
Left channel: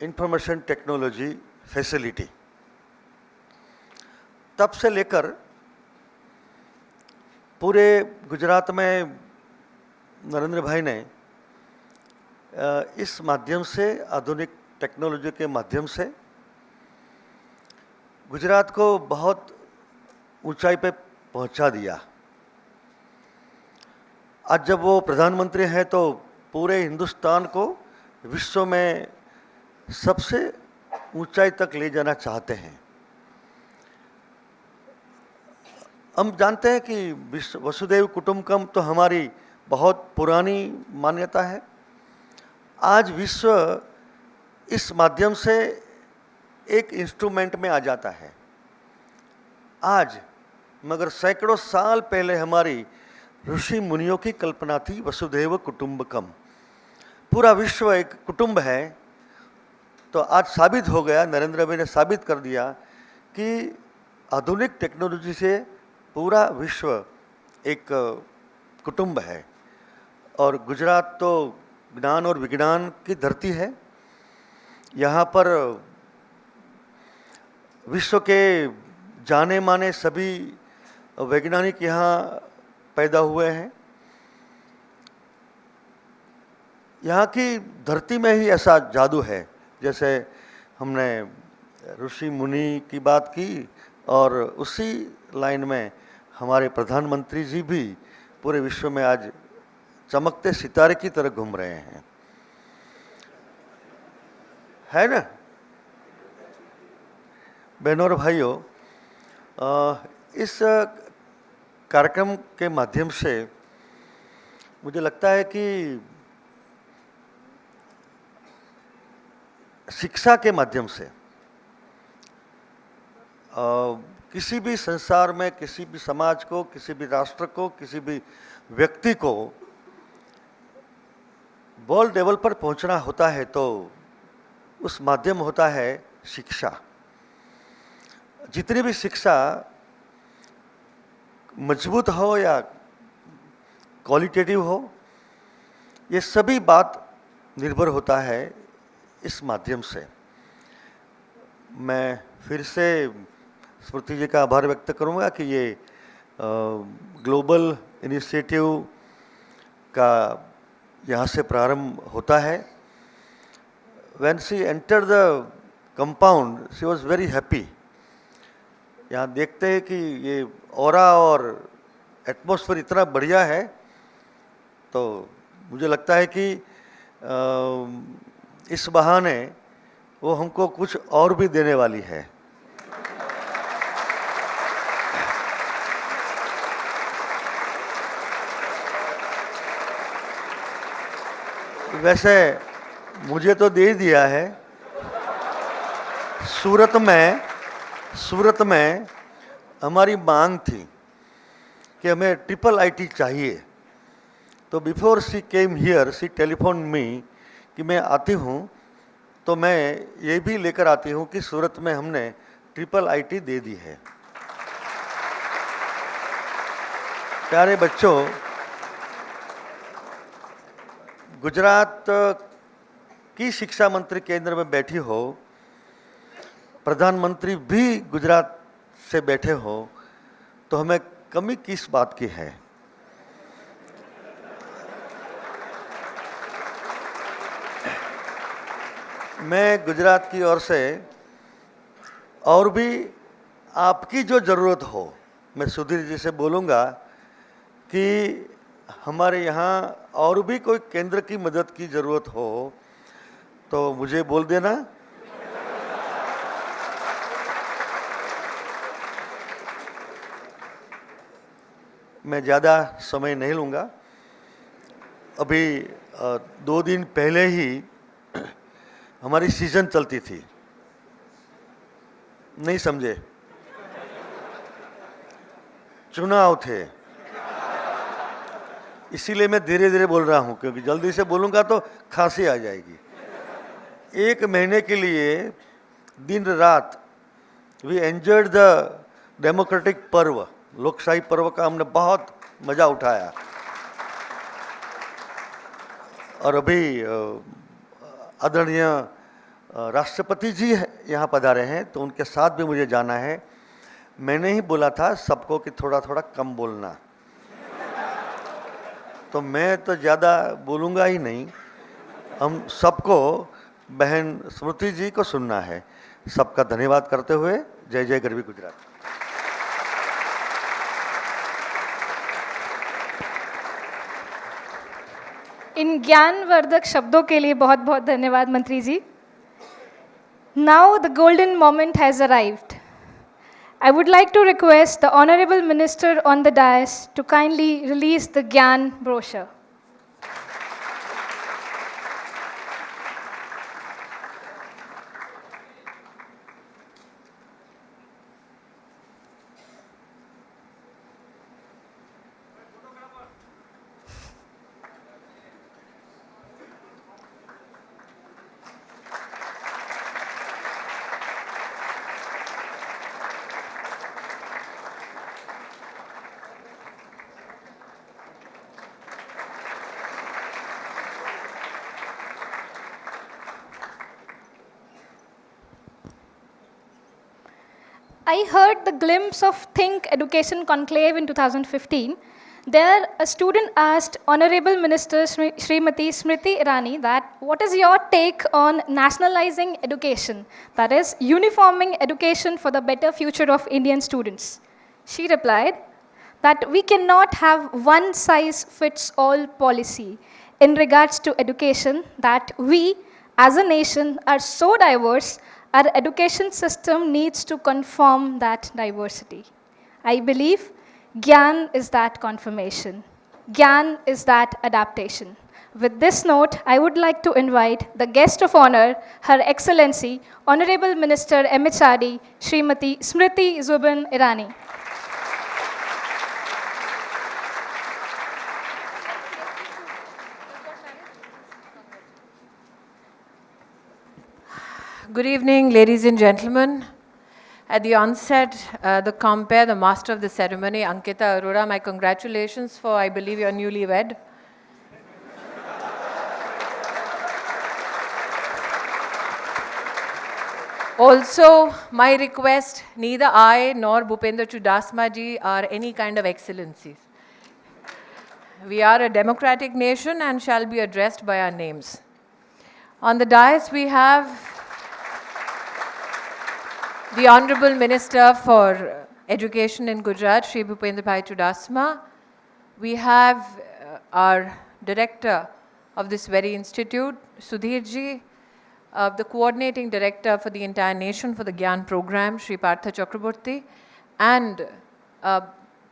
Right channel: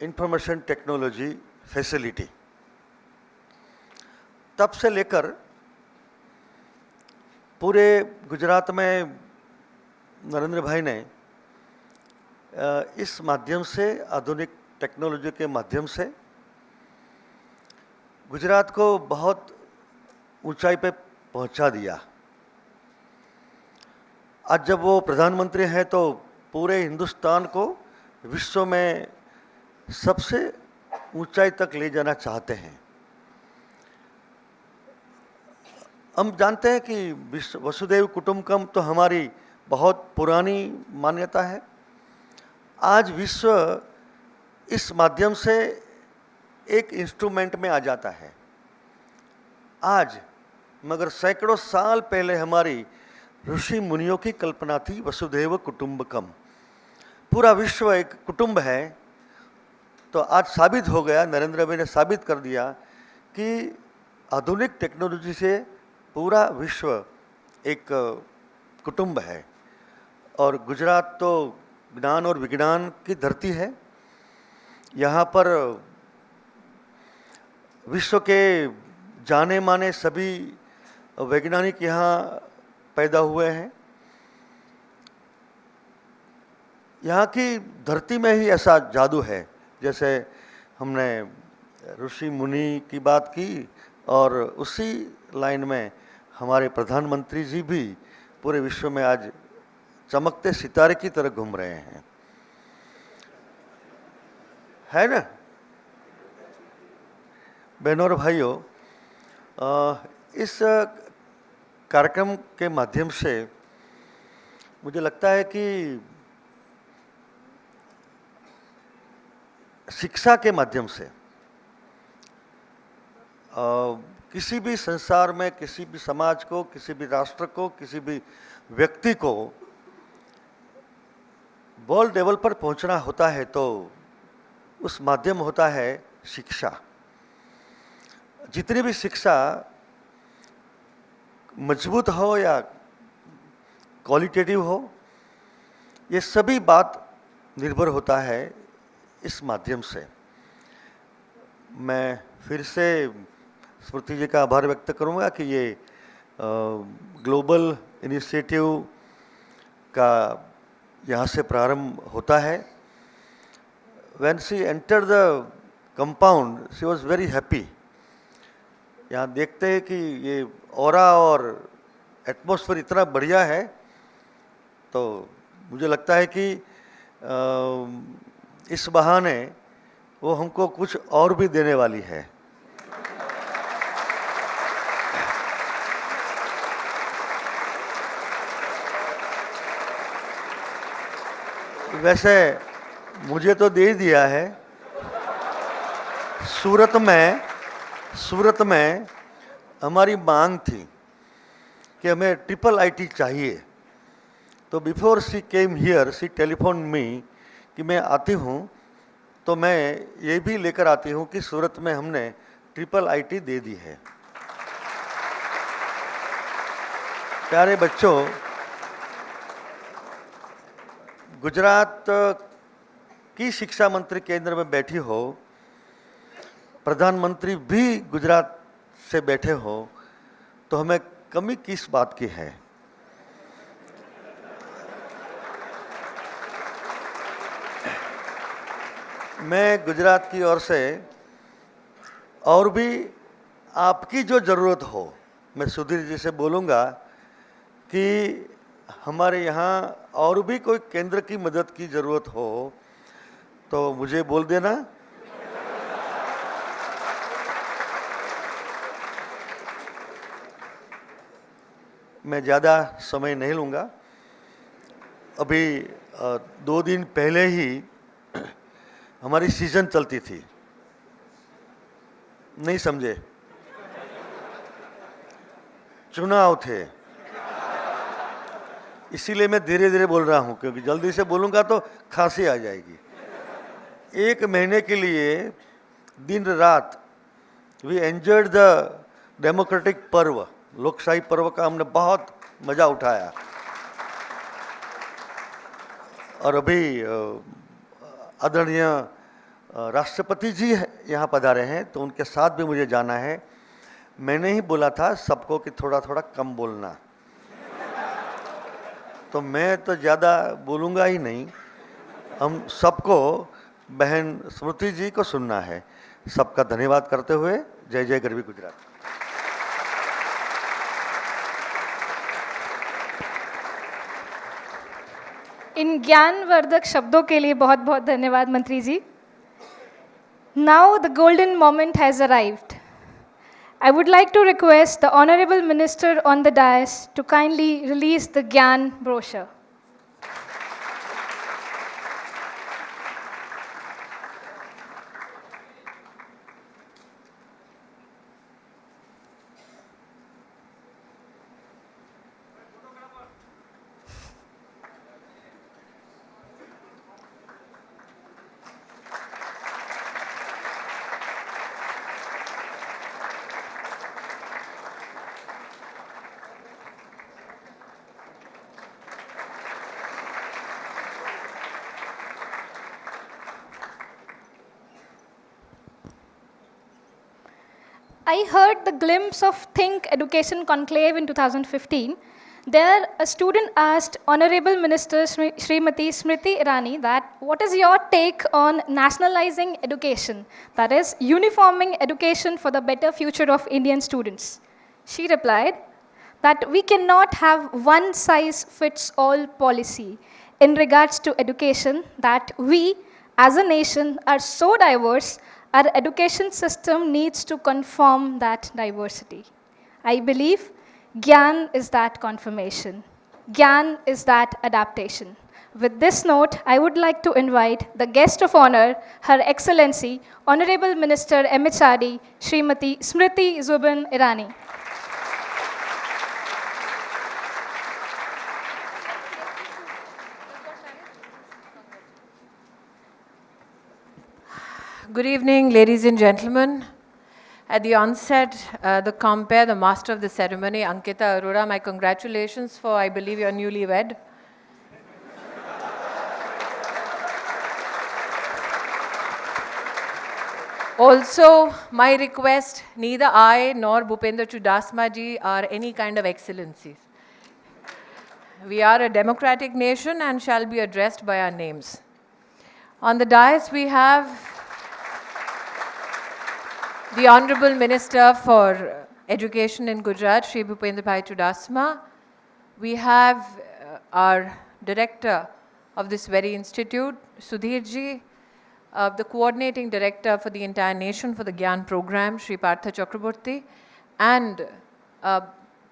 information technology facility, तब से लेकर पूरे गुजरात में नरेंद्र भाई ने इस माध्यम से, आधुनिक टेक्नोलॉजी के माध्यम से गुजरात को बहुत ऊंचाई पे पहुंचा दिया। आज जब वो प्रधानमंत्री हैं तो पूरे हिंदुस्तान को विश्व में सबसे ऊंचाई तक ले जाना चाहते हैं। हम जानते हैं कि वसुधैव कुटुंबकम तो हमारी बहुत पुरानी मान्यता है। आज विश्व इस माध्यम से एक इंस्ट्रूमेंट में आ जाता है। आज, मगर सैकड़ों साल पहले हमारी ऋषि मुनियों की कल्पना थी वसुधैव कुटुंबकम। पूरा विश्व एक कुटुंब है। तो आज साबित हो गया, नरेंद्र भाई ने साबित कर दिया कि आधुनिक टेक्नोलॉजी से पूरा विश्व एक कुटुंब है। और गुजरात तो ज्ञान और विज्ञान की धरती है। यहाँ पर विश्व के जाने माने सभी वैज्ञानिक यहाँ पैदा हुए हैं। यहाँ की धरती में ही ऐसा जादू है। जैसे हमने ऋषि मुनि की बात की, और उसी लाइन में हमारे प्रधानमंत्री जी भी पूरे विश्व में आज चमकते सितारे की तरह घूम रहे हैं, है ना। बहनों और भाइयों, इस कार्यक्रम के माध्यम से मुझे लगता है कि शिक्षा के माध्यम से किसी भी संसार में, किसी भी समाज को, किसी भी राष्ट्र को, किसी भी व्यक्ति को वर्ल्ड लेवल पर पहुंचना होता है तो उस माध्यम होता है शिक्षा। जितनी भी शिक्षा मजबूत हो या क्वालिटेटिव हो, ये सभी बात निर्भर होता है इस माध्यम से। मैं फिर से स्मृति जी का आभार व्यक्त करूंगा कि ये ग्लोबल इनिशिएटिव का यहाँ से प्रारंभ होता है। When she entered the compound, she was very happy. यहाँ देखते हैं कि ये ऑरा और एटमॉस्फेयर इतना बढ़िया है, तो मुझे लगता है कि इस बहाने वो हमको कुछ और भी देने वाली है। वैसे मुझे तो दे दिया है। सूरत में हमारी मांग थी कि हमें ट्रिपल आईटी चाहिए, तो before she came here she telephone me कि मैं आती हूँ, तो मैं ये भी लेकर आती हूँ कि सूरत में हमने ट्रिपल आईटी दे दी है। प्यारे बच्चों, गुजरात की शिक्षा मंत्री केंद्र में बैठी हो, प्रधानमंत्री भी गुजरात से बैठे हो, तो हमें कमी किस बात की है? मैं गुजरात की ओर से और भी आपकी जो ज़रूरत हो, मैं सुधीर जी से बोलूँगा कि हमारे यहाँ और भी कोई केंद्र की मदद की ज़रूरत हो तो मुझे बोल देना। मैं ज़्यादा समय नहीं लूँगा। अभी 2 दिन पहले ही हमारी सीजन चलती थी, नहीं समझे? चुनाव थे, इसीलिए मैं धीरे धीरे बोल रहा हूँ, क्योंकि जल्दी से बोलूँगा तो खांसी आ जाएगी। 1 महीने के लिए दिन रात वी एंजॉयड द डेमोक्रेटिक पर्व, लोकशाही पर्व का हमने बहुत मज़ा उठाया। और अभी आदरणीय राष्ट्रपति जी यहाँ पधारे हैं, तो उनके साथ भी मुझे जाना है। मैंने ही बोला था सबको कि थोड़ा थोड़ा कम बोलना, तो मैं तो ज़्यादा बोलूँगा ही नहीं। हम सबको बहन स्मृति जी को सुनना है। सबका धन्यवाद करते हुए जय जय गरवी गुजरात। इन ज्ञानवर्धक शब्दों के लिए बहुत बहुत धन्यवाद मंत्री जी। Now the golden moment has arrived. I would like to request the Honorable Minister on the dais to kindly release the GIAN brochure. I heard the glimpse of Think Education Conclave in 2015. There, a student asked Honorable Minister Srimati Smriti Irani that what is your take on nationalizing education, that is, uniforming education for the better future of Indian students? She replied that we cannot have one-size-fits-all policy in regards to education, that we, as a nation, are so diverse, our education system needs to conform that diversity. I believe GIAN is that confirmation. GIAN is that adaptation. With this note, I would like to invite the guest of honor, Her Excellency, Honorable Minister MHRD, Srimati Smriti Zubin Irani. Good evening, ladies and gentlemen. At the onset, the compere, the master of the ceremony, Ankita Arora, my congratulations for, I believe, your newlywed. Also, my request, neither I nor Bhupendra Chudasma ji are any kind of excellencies. We are a democratic nation and shall be addressed by our names. On the dais, we have the Honorable Minister for Education in Gujarat, Shri Bhupendra Bhai Chudasma. We have our Director of this very institute, Sudhir ji, the Coordinating Director for the entire nation for the GIAN program, Shri Partha Chakraborty, and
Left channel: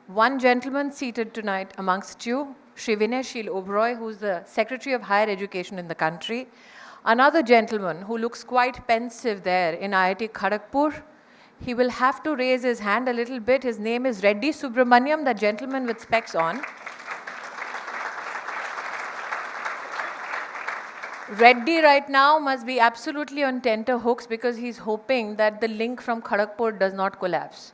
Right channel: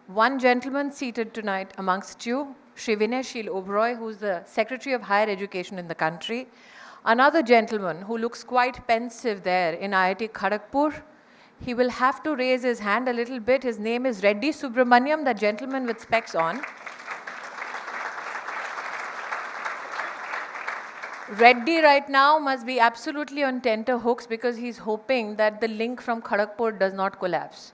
one gentleman seated tonight amongst you, Shri Vinay Sheel Oberoi, who is the Secretary of Higher Education in the country. Another gentleman who looks quite pensive there in IIT Kharagpur. He will have to raise his hand a little bit. His name is Reddy Subramaniam, the gentleman with specs on. Reddy right now must be absolutely on tenterhooks because he's hoping that the link from Kharagpur does not collapse.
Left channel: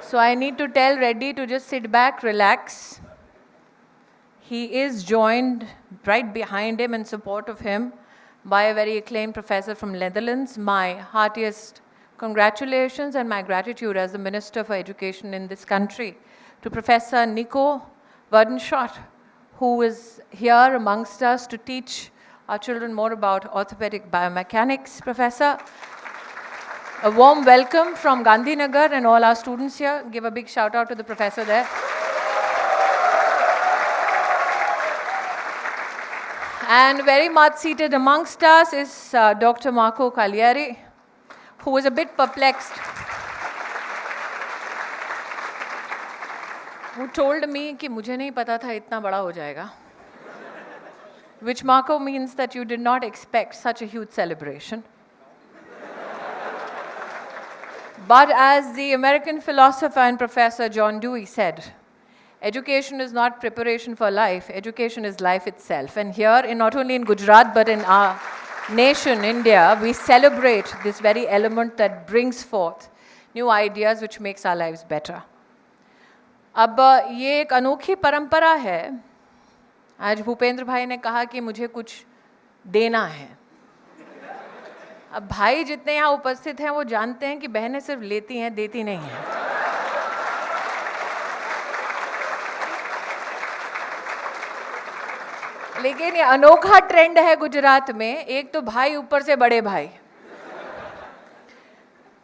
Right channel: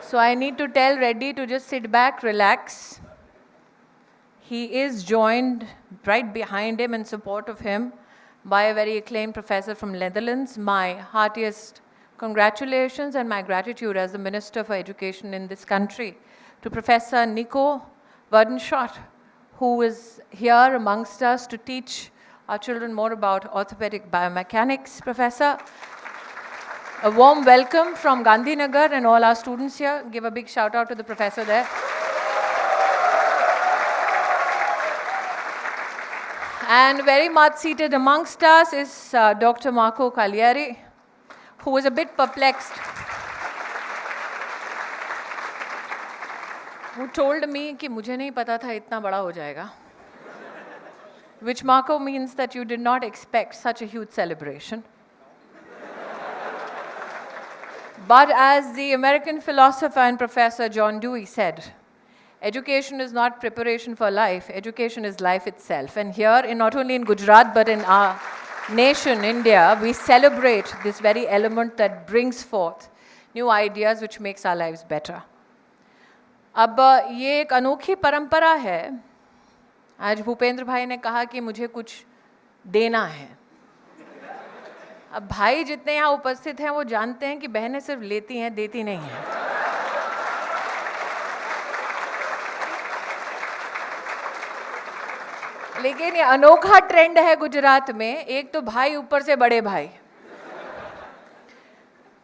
So I need to tell Reddy to just sit back, relax. He is joined right behind him in support of him by a very acclaimed professor from Netherlands. My heartiest congratulations and my gratitude as the Minister for Education in this country to Professor Nico Wardenschott, who is here amongst us to teach our children more about orthopedic biomechanics. Professor, a warm welcome from Gandhinagar and all our students here. Give a big shout out to the professor there. And very much seated amongst us is Dr. Marco Cagliari, who was a bit perplexed, who told me कि मुझे नहीं पता था इतना बड़ा हो जाएगा, which Marco means that you did not expect such a huge celebration. But as the American philosopher and professor John Dewey said, education is not preparation for life, education is life itself. And here, not only in Gujarat, but in our nation, India, we celebrate this very element that brings forth new ideas which makes our lives better. अब ये एक अनोखी परंपरा है. आज भूपेंद्र भाई ने कहा कि मुझे कुछ देना है. अब भाई जितने यहाँ उपस्थित हैं वो जानते हैं कि बहनें सिर्फ लेती हैं, देती नहीं हैं. लेकिन ये अनोखा ट्रेंड है गुजरात में. एक तो भाई ऊपर से बड़े भाई.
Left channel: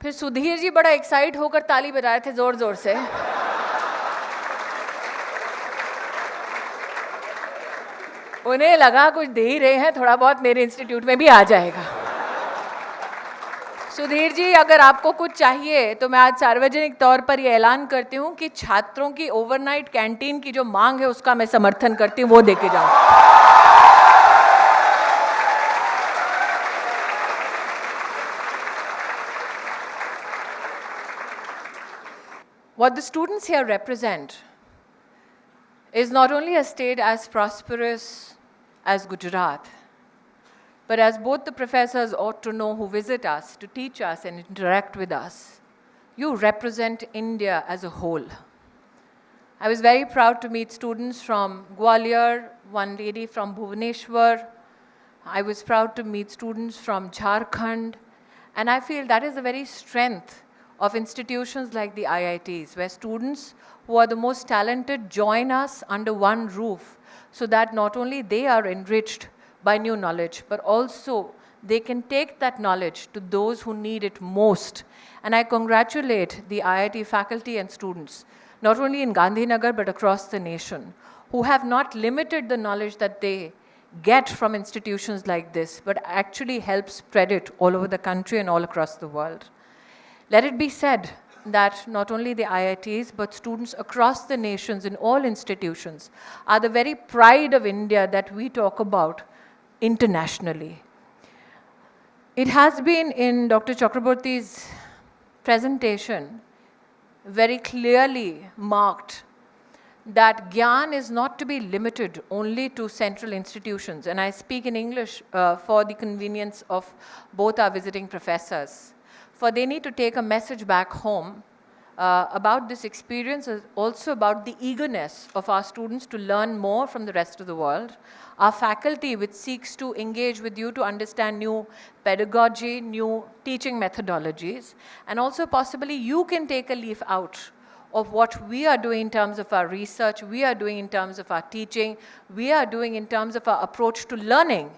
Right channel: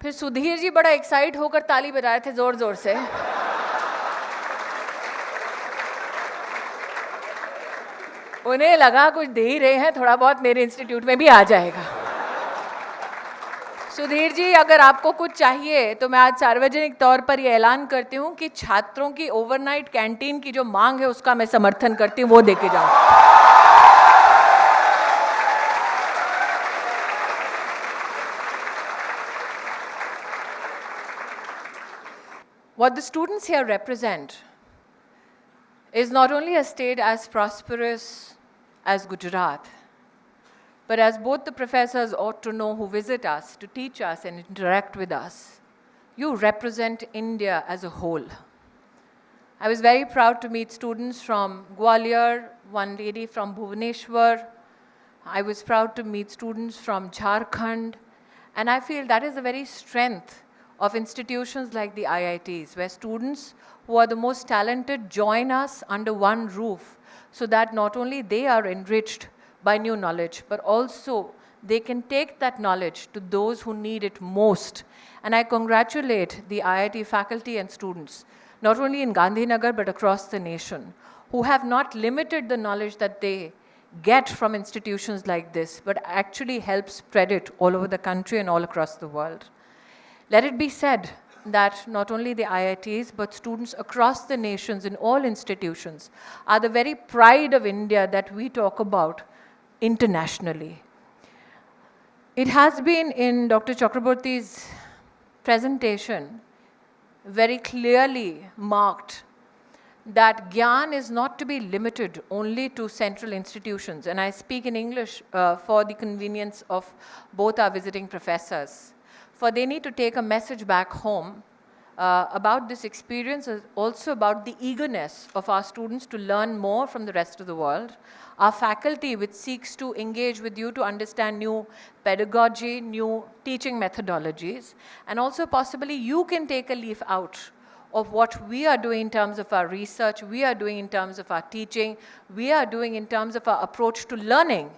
फिर सुधीर जी बड़ा एक्साइट होकर ताली बजा रहे थे जोर जोर से. उन्हें लगा कुछ दे ही रहे हैं, थोड़ा बहुत मेरे इंस्टीट्यूट में भी आ जाएगा. सुधीर जी, अगर आपको कुछ चाहिए तो मैं आज सार्वजनिक तौर पर ये ऐलान करती हूँ कि छात्रों की ओवरनाइट कैंटीन की जो मांग है उसका मैं समर्थन करती हूँ, वो देके जाऊँ. What the students here represent is not only a state as prosperous as Gujarat, but as both the professors ought to know who visit us to teach us and interact with us, you represent India as a whole. I was very proud to meet students from Gwalior, one lady from Bhubaneswar. I was proud to meet students from Jharkhand, and I feel that is the very strength of institutions like the IITs, where students who are the most talented join us under one roof so that not only they are enriched by new knowledge, but also they can take that knowledge to those who need it most. And I congratulate the IIT faculty and students, not only in Gandhinagar but across the nation, who have not limited the knowledge that they get from institutions like this, but actually help spread it all over the country and all across the world. Let it be said that not only the IITs, but students across the nations in all institutions are the very pride of India that we talk about internationally. It has been in Dr. Chakraborty's presentation very clearly marked that GIAN is not to be limited only to central institutions, and I speak in English for the convenience of both our visiting professors, for they need to take a message back home about this experience, also about the eagerness of our students to learn more from the rest of the world, our faculty which seeks to engage with you to understand new pedagogy, new teaching methodologies, and also possibly you can take a leaf out of what we are doing in terms of our research, we are doing in terms of our teaching, we are doing in terms of our approach to learning,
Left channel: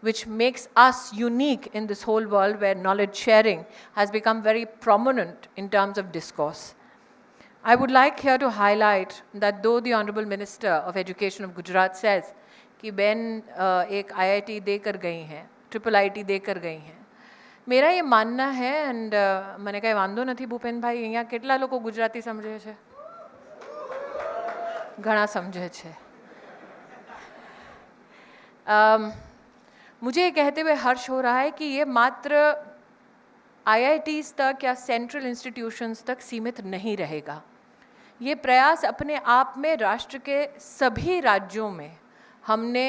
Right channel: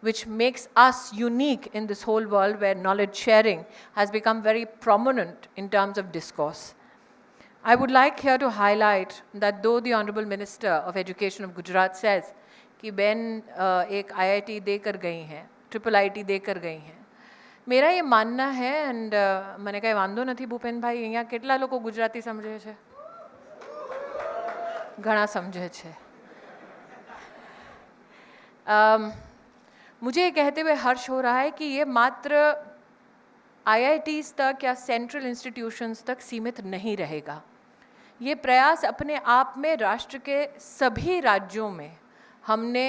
which makes us unique in this whole world where knowledge sharing has become very prominent in terms of discourse. I would like here to highlight that though the Honorable Minister of Education of Gujarat says कि बहन एक IIT देकर गई हैं, IIT देकर गई हैं, मेरा ये मानना है एंड મને કાંઈ વાંધો નથી ભૂપેન ભાઈ અહીંયા કેટલા લોકો ગુજરાતી સમજે છે ઘણા સમજે છે मुझे ये कहते हुए हर्ष हो रहा है कि ये मात्र IITs तक या सेंट्रल इंस्टीट्यूशंस तक सीमित नहीं रहेगा ये प्रयास अपने आप में राष्ट्र के सभी राज्यों में हमने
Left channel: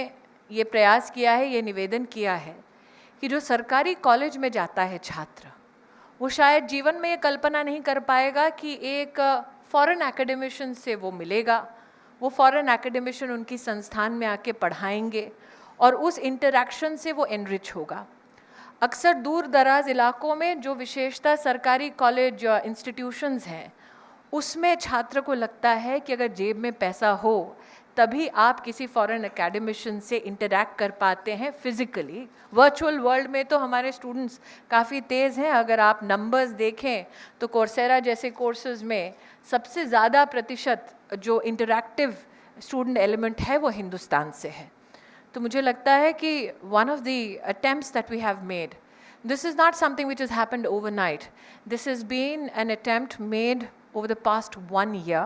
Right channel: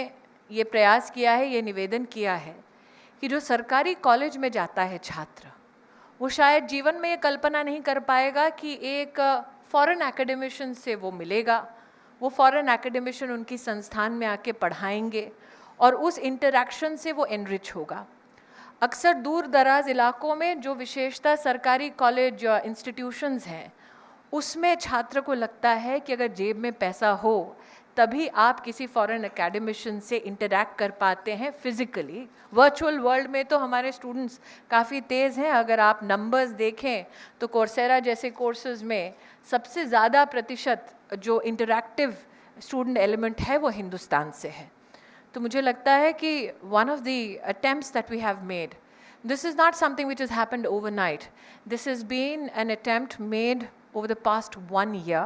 ये प्रयास किया है ये निवेदन किया है कि जो सरकारी कॉलेज में जाता है छात्र वो शायद जीवन में ये कल्पना नहीं कर पाएगा कि एक फॉरेन एकेडमिशियन से वो मिलेगा वो फॉरेन एकेडमिशियन उनकी संस्थान में आके पढ़ाएंगे और उस इंटरैक्शन से वो एनरिच होगा अक्सर दूर दराज इलाकों में जो विशेषता सरकारी कॉलेज इंस्टीट्यूशंस हैं उसमें छात्र को लगता है कि अगर जेब में पैसा हो तभी आप किसी फॉरेन एकेडमिशियन से इंटरैक्ट कर पाते हैं फिज़िकली वर्चुअल वर्ल्ड में तो हमारे स्टूडेंट्स काफ़ी तेज़ हैं अगर आप नंबर्स देखें तो कोर्सेरा जैसे कोर्सेज में सबसे ज़्यादा प्रतिशत जो इंटरैक्टिव स्टूडेंट एलिमेंट है वो हिंदुस्तान से है तो मुझे लगता है कि one of the attempts that we have made this is not something which is happened overnight this is been an attempt made over the past 1 year.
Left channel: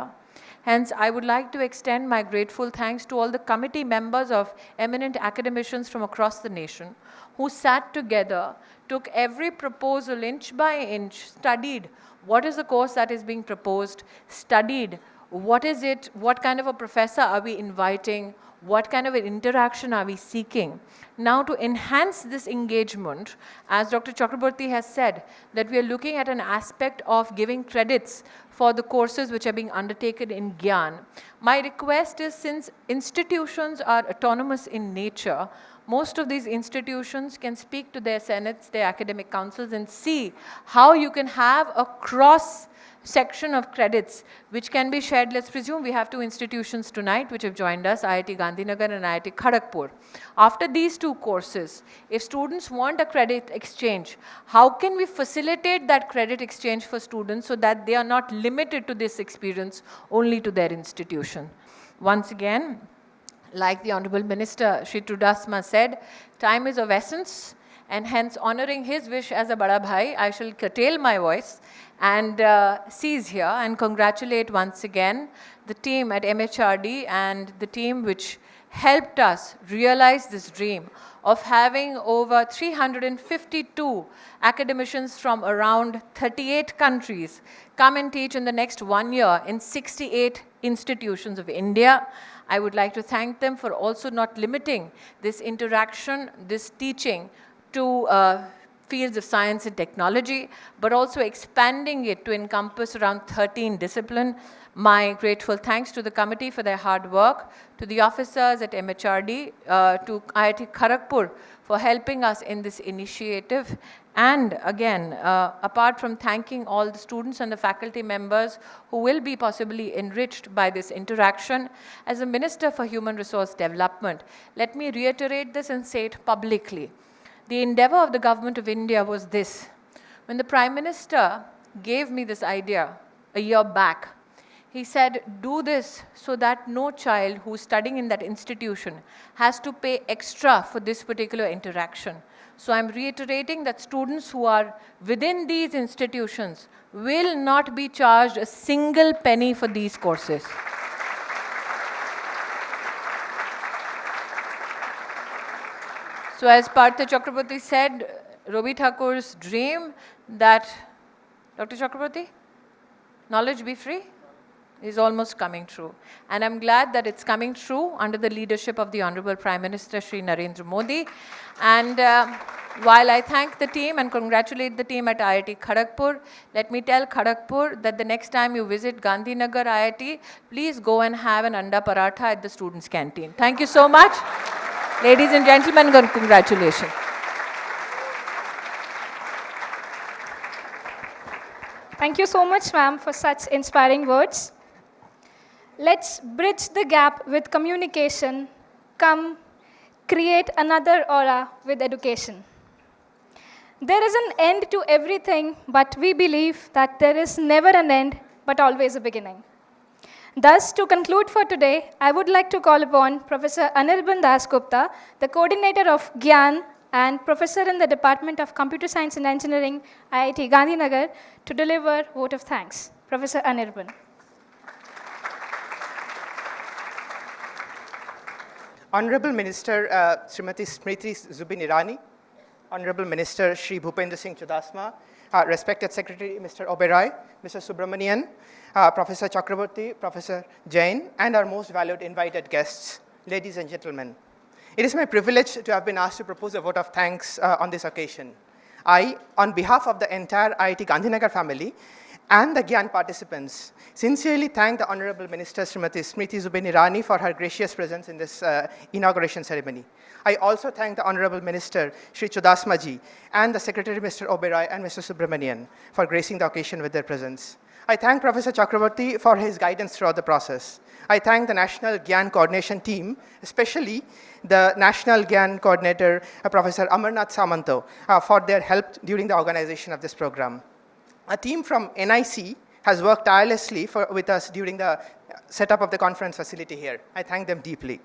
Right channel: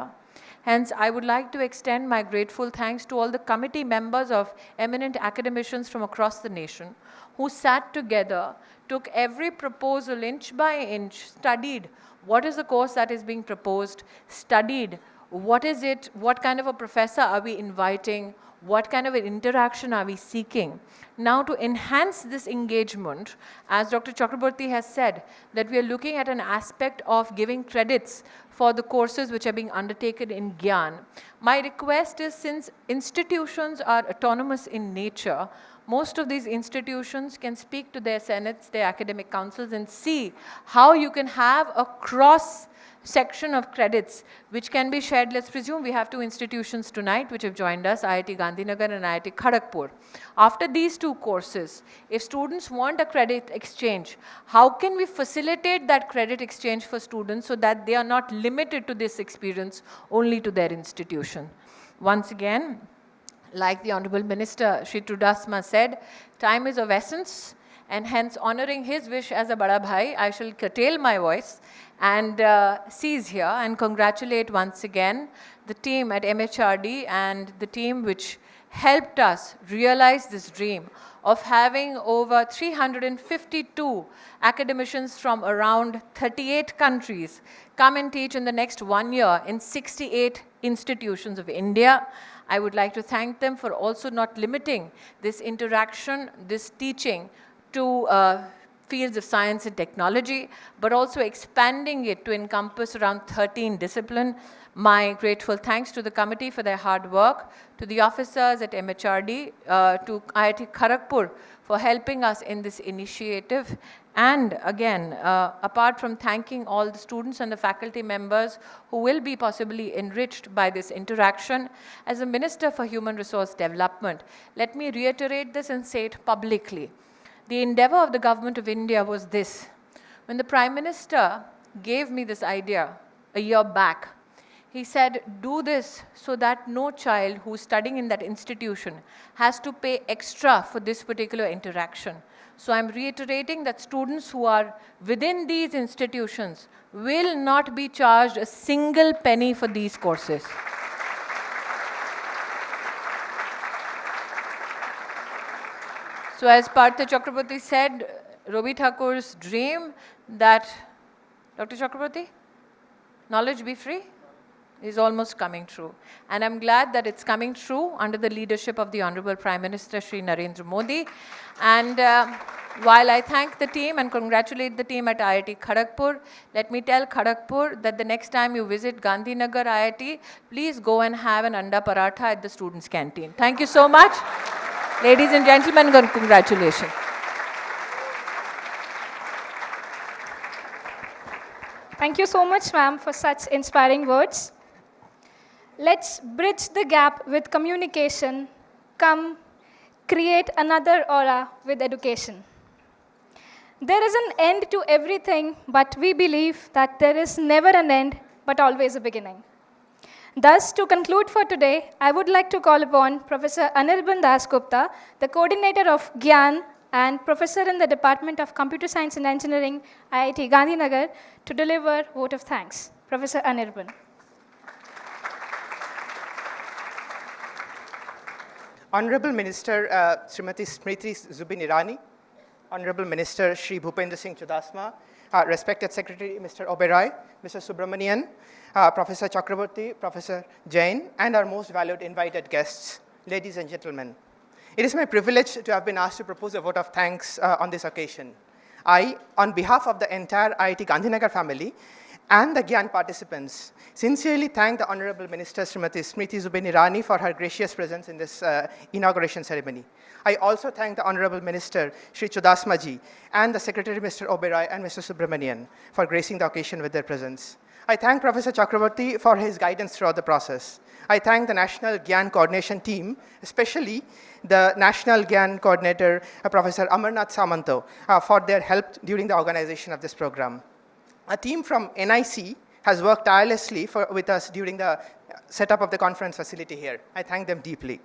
Hence, I would like to extend my grateful thanks to all the committee members of eminent academicians from across the nation who sat together, took every proposal inch by inch, studied what is the course that is being proposed, studied what is it, what kind of a professor are we inviting, what kind of an interaction are we seeking. Now, to enhance this engagement, as Dr. Chakraborty has said, that we are looking at an aspect of giving credits for the courses which are being undertaken in GIAN. My request is, since institutions are autonomous in nature, most of these institutions can speak to their senates, their academic councils, and see how you can have a cross section of credits which can be shared. Let's presume we have two institutions tonight which have joined us, IIT Gandhinagar and IIT Kharagpur. After these two courses, if students want a credit exchange, how can we facilitate that credit exchange for students so that they are not limited to this experience only to their institution? Once again, like the Honorable Minister Shri Chudasama said, time is of essence, and hence honoring his wish as a Bada Bhai, I shall curtail my voice and cease here and congratulate once again the team at MHRD and the team which helped us realize this dream of having over 352 academicians from around 38 countries come and teach in the next 1 year in 68 institutions of India. I would like to thank them for also not limiting this interaction, this teaching to fields of science and technology, but also expanding it to encompass around 13 disciplines. My grateful thanks to the committee for their hard work, to the officers at MHRD, to IIT Kharagpur for helping us in this initiative. And again, apart from thanking all the students and the faculty members who will be possibly enriched by this interaction, as a Minister for Human Resource Development, let me reiterate this and say it publicly. The endeavor of the Government of India was this. When the Prime Minister gave me this idea a year back, he said, do this so that no child who's studying in that institution has to pay extra for this particular interaction. So I'm reiterating that students who are within these institutions will not be charged a single penny for these courses. So as Partha Chakraborty said, Robi Thakur's dream that, Dr. Chakraborty, knowledge be free? is almost coming true. And I'm glad that it's coming true under the leadership of the Honorable Prime Minister Shri Narendra Modi. And while I thank the team and congratulate the team at IIT Kharagpur, let me tell Kharagpur that the next time you visit Gandhinagar IIT, please go and have an anda paratha at the students' canteen. Thank you so much. Ladies and gentlemen, congratulations. Thank you so much, ma'am, for such inspiring words. Let's bridge the gap with communication. Come, create another aura with education. There is an end to everything, but we believe that there is never an end, but always a beginning. Thus, to conclude for today, I would like to call upon Professor Anirban Das Gupta, the coordinator of GIAN and professor in the Department of Computer Science and Engineering, IIT Gandhinagar, to deliver vote of thanks. Professor Anirban. Honorable Minister Srimati Smriti Zubin Irani, Honorable Minister Shri Bhupendra Singh Chudasma, respected Secretary Mr. Oberoi, Mr. Subramanian, Professor Chakraborty, Professor Jain, and our most valued invited guests, ladies and gentlemen. It is my privilege to have been asked to propose a vote of thanks on this occasion. I, on behalf of the entire IIT Gandhinagar family and the GIAN participants, sincerely thank the Honorable Minister Srimati Smriti Zubin Irani for her gracious presence in this inauguration ceremony. I also thank the Honorable Minister Shri Chudasma ji and the Secretary Mr. Oberoi and Mr. Subramanian for gracing the occasion with their presence. I thank Professor Chakraborty for his guidance throughout the process. I thank the National GIAN Coordination Team, especially the National GIAN Coordinator, Professor Amarnath Samanto, for their help during the organization of this program. A team from NIC has worked tirelessly with us during the setup of the conference facility here. I thank them deeply.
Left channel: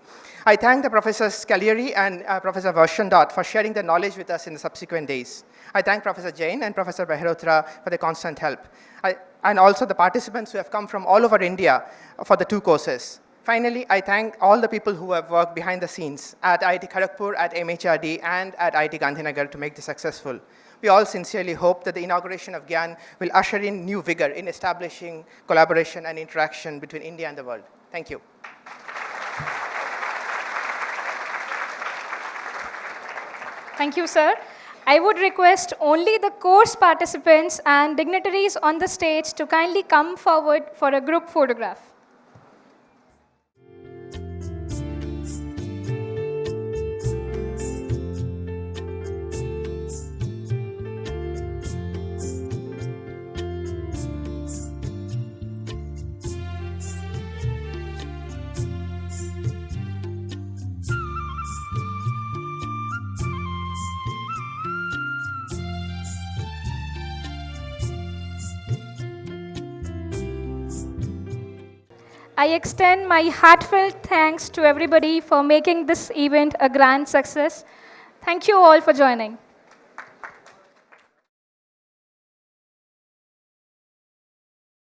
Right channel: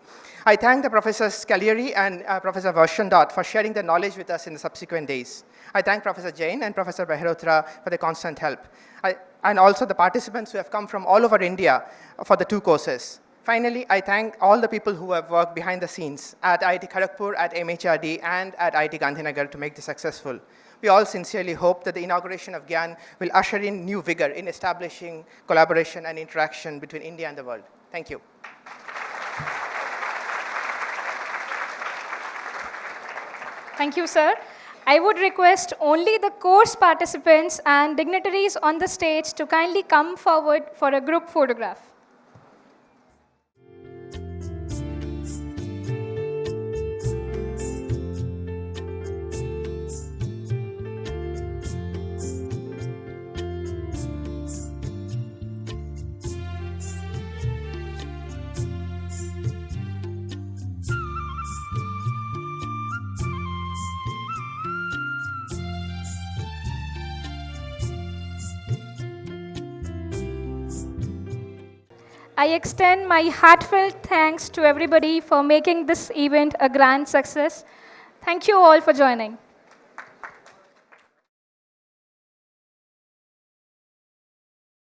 I thank the Professors Kalyari and Professor Varshandot for sharing their knowledge with us in the subsequent days. I thank Professor Jain and Professor Behrotra for their constant help. And also the participants who have come from all over India for the two courses. Finally, I thank all the people who have worked behind the scenes at IIT Kharagpur, at MHRD, and at IIT Gandhinagar to make this successful. We all sincerely hope that the inauguration of GIAN will usher in new vigor in establishing collaboration and interaction between India and the world. Thank you. Thank you, sir. I would request only the course participants and dignitaries on the stage to kindly come forward for a group photograph. I extend my heartfelt thanks to everybody for making this event a grand success. Thank you all for joining.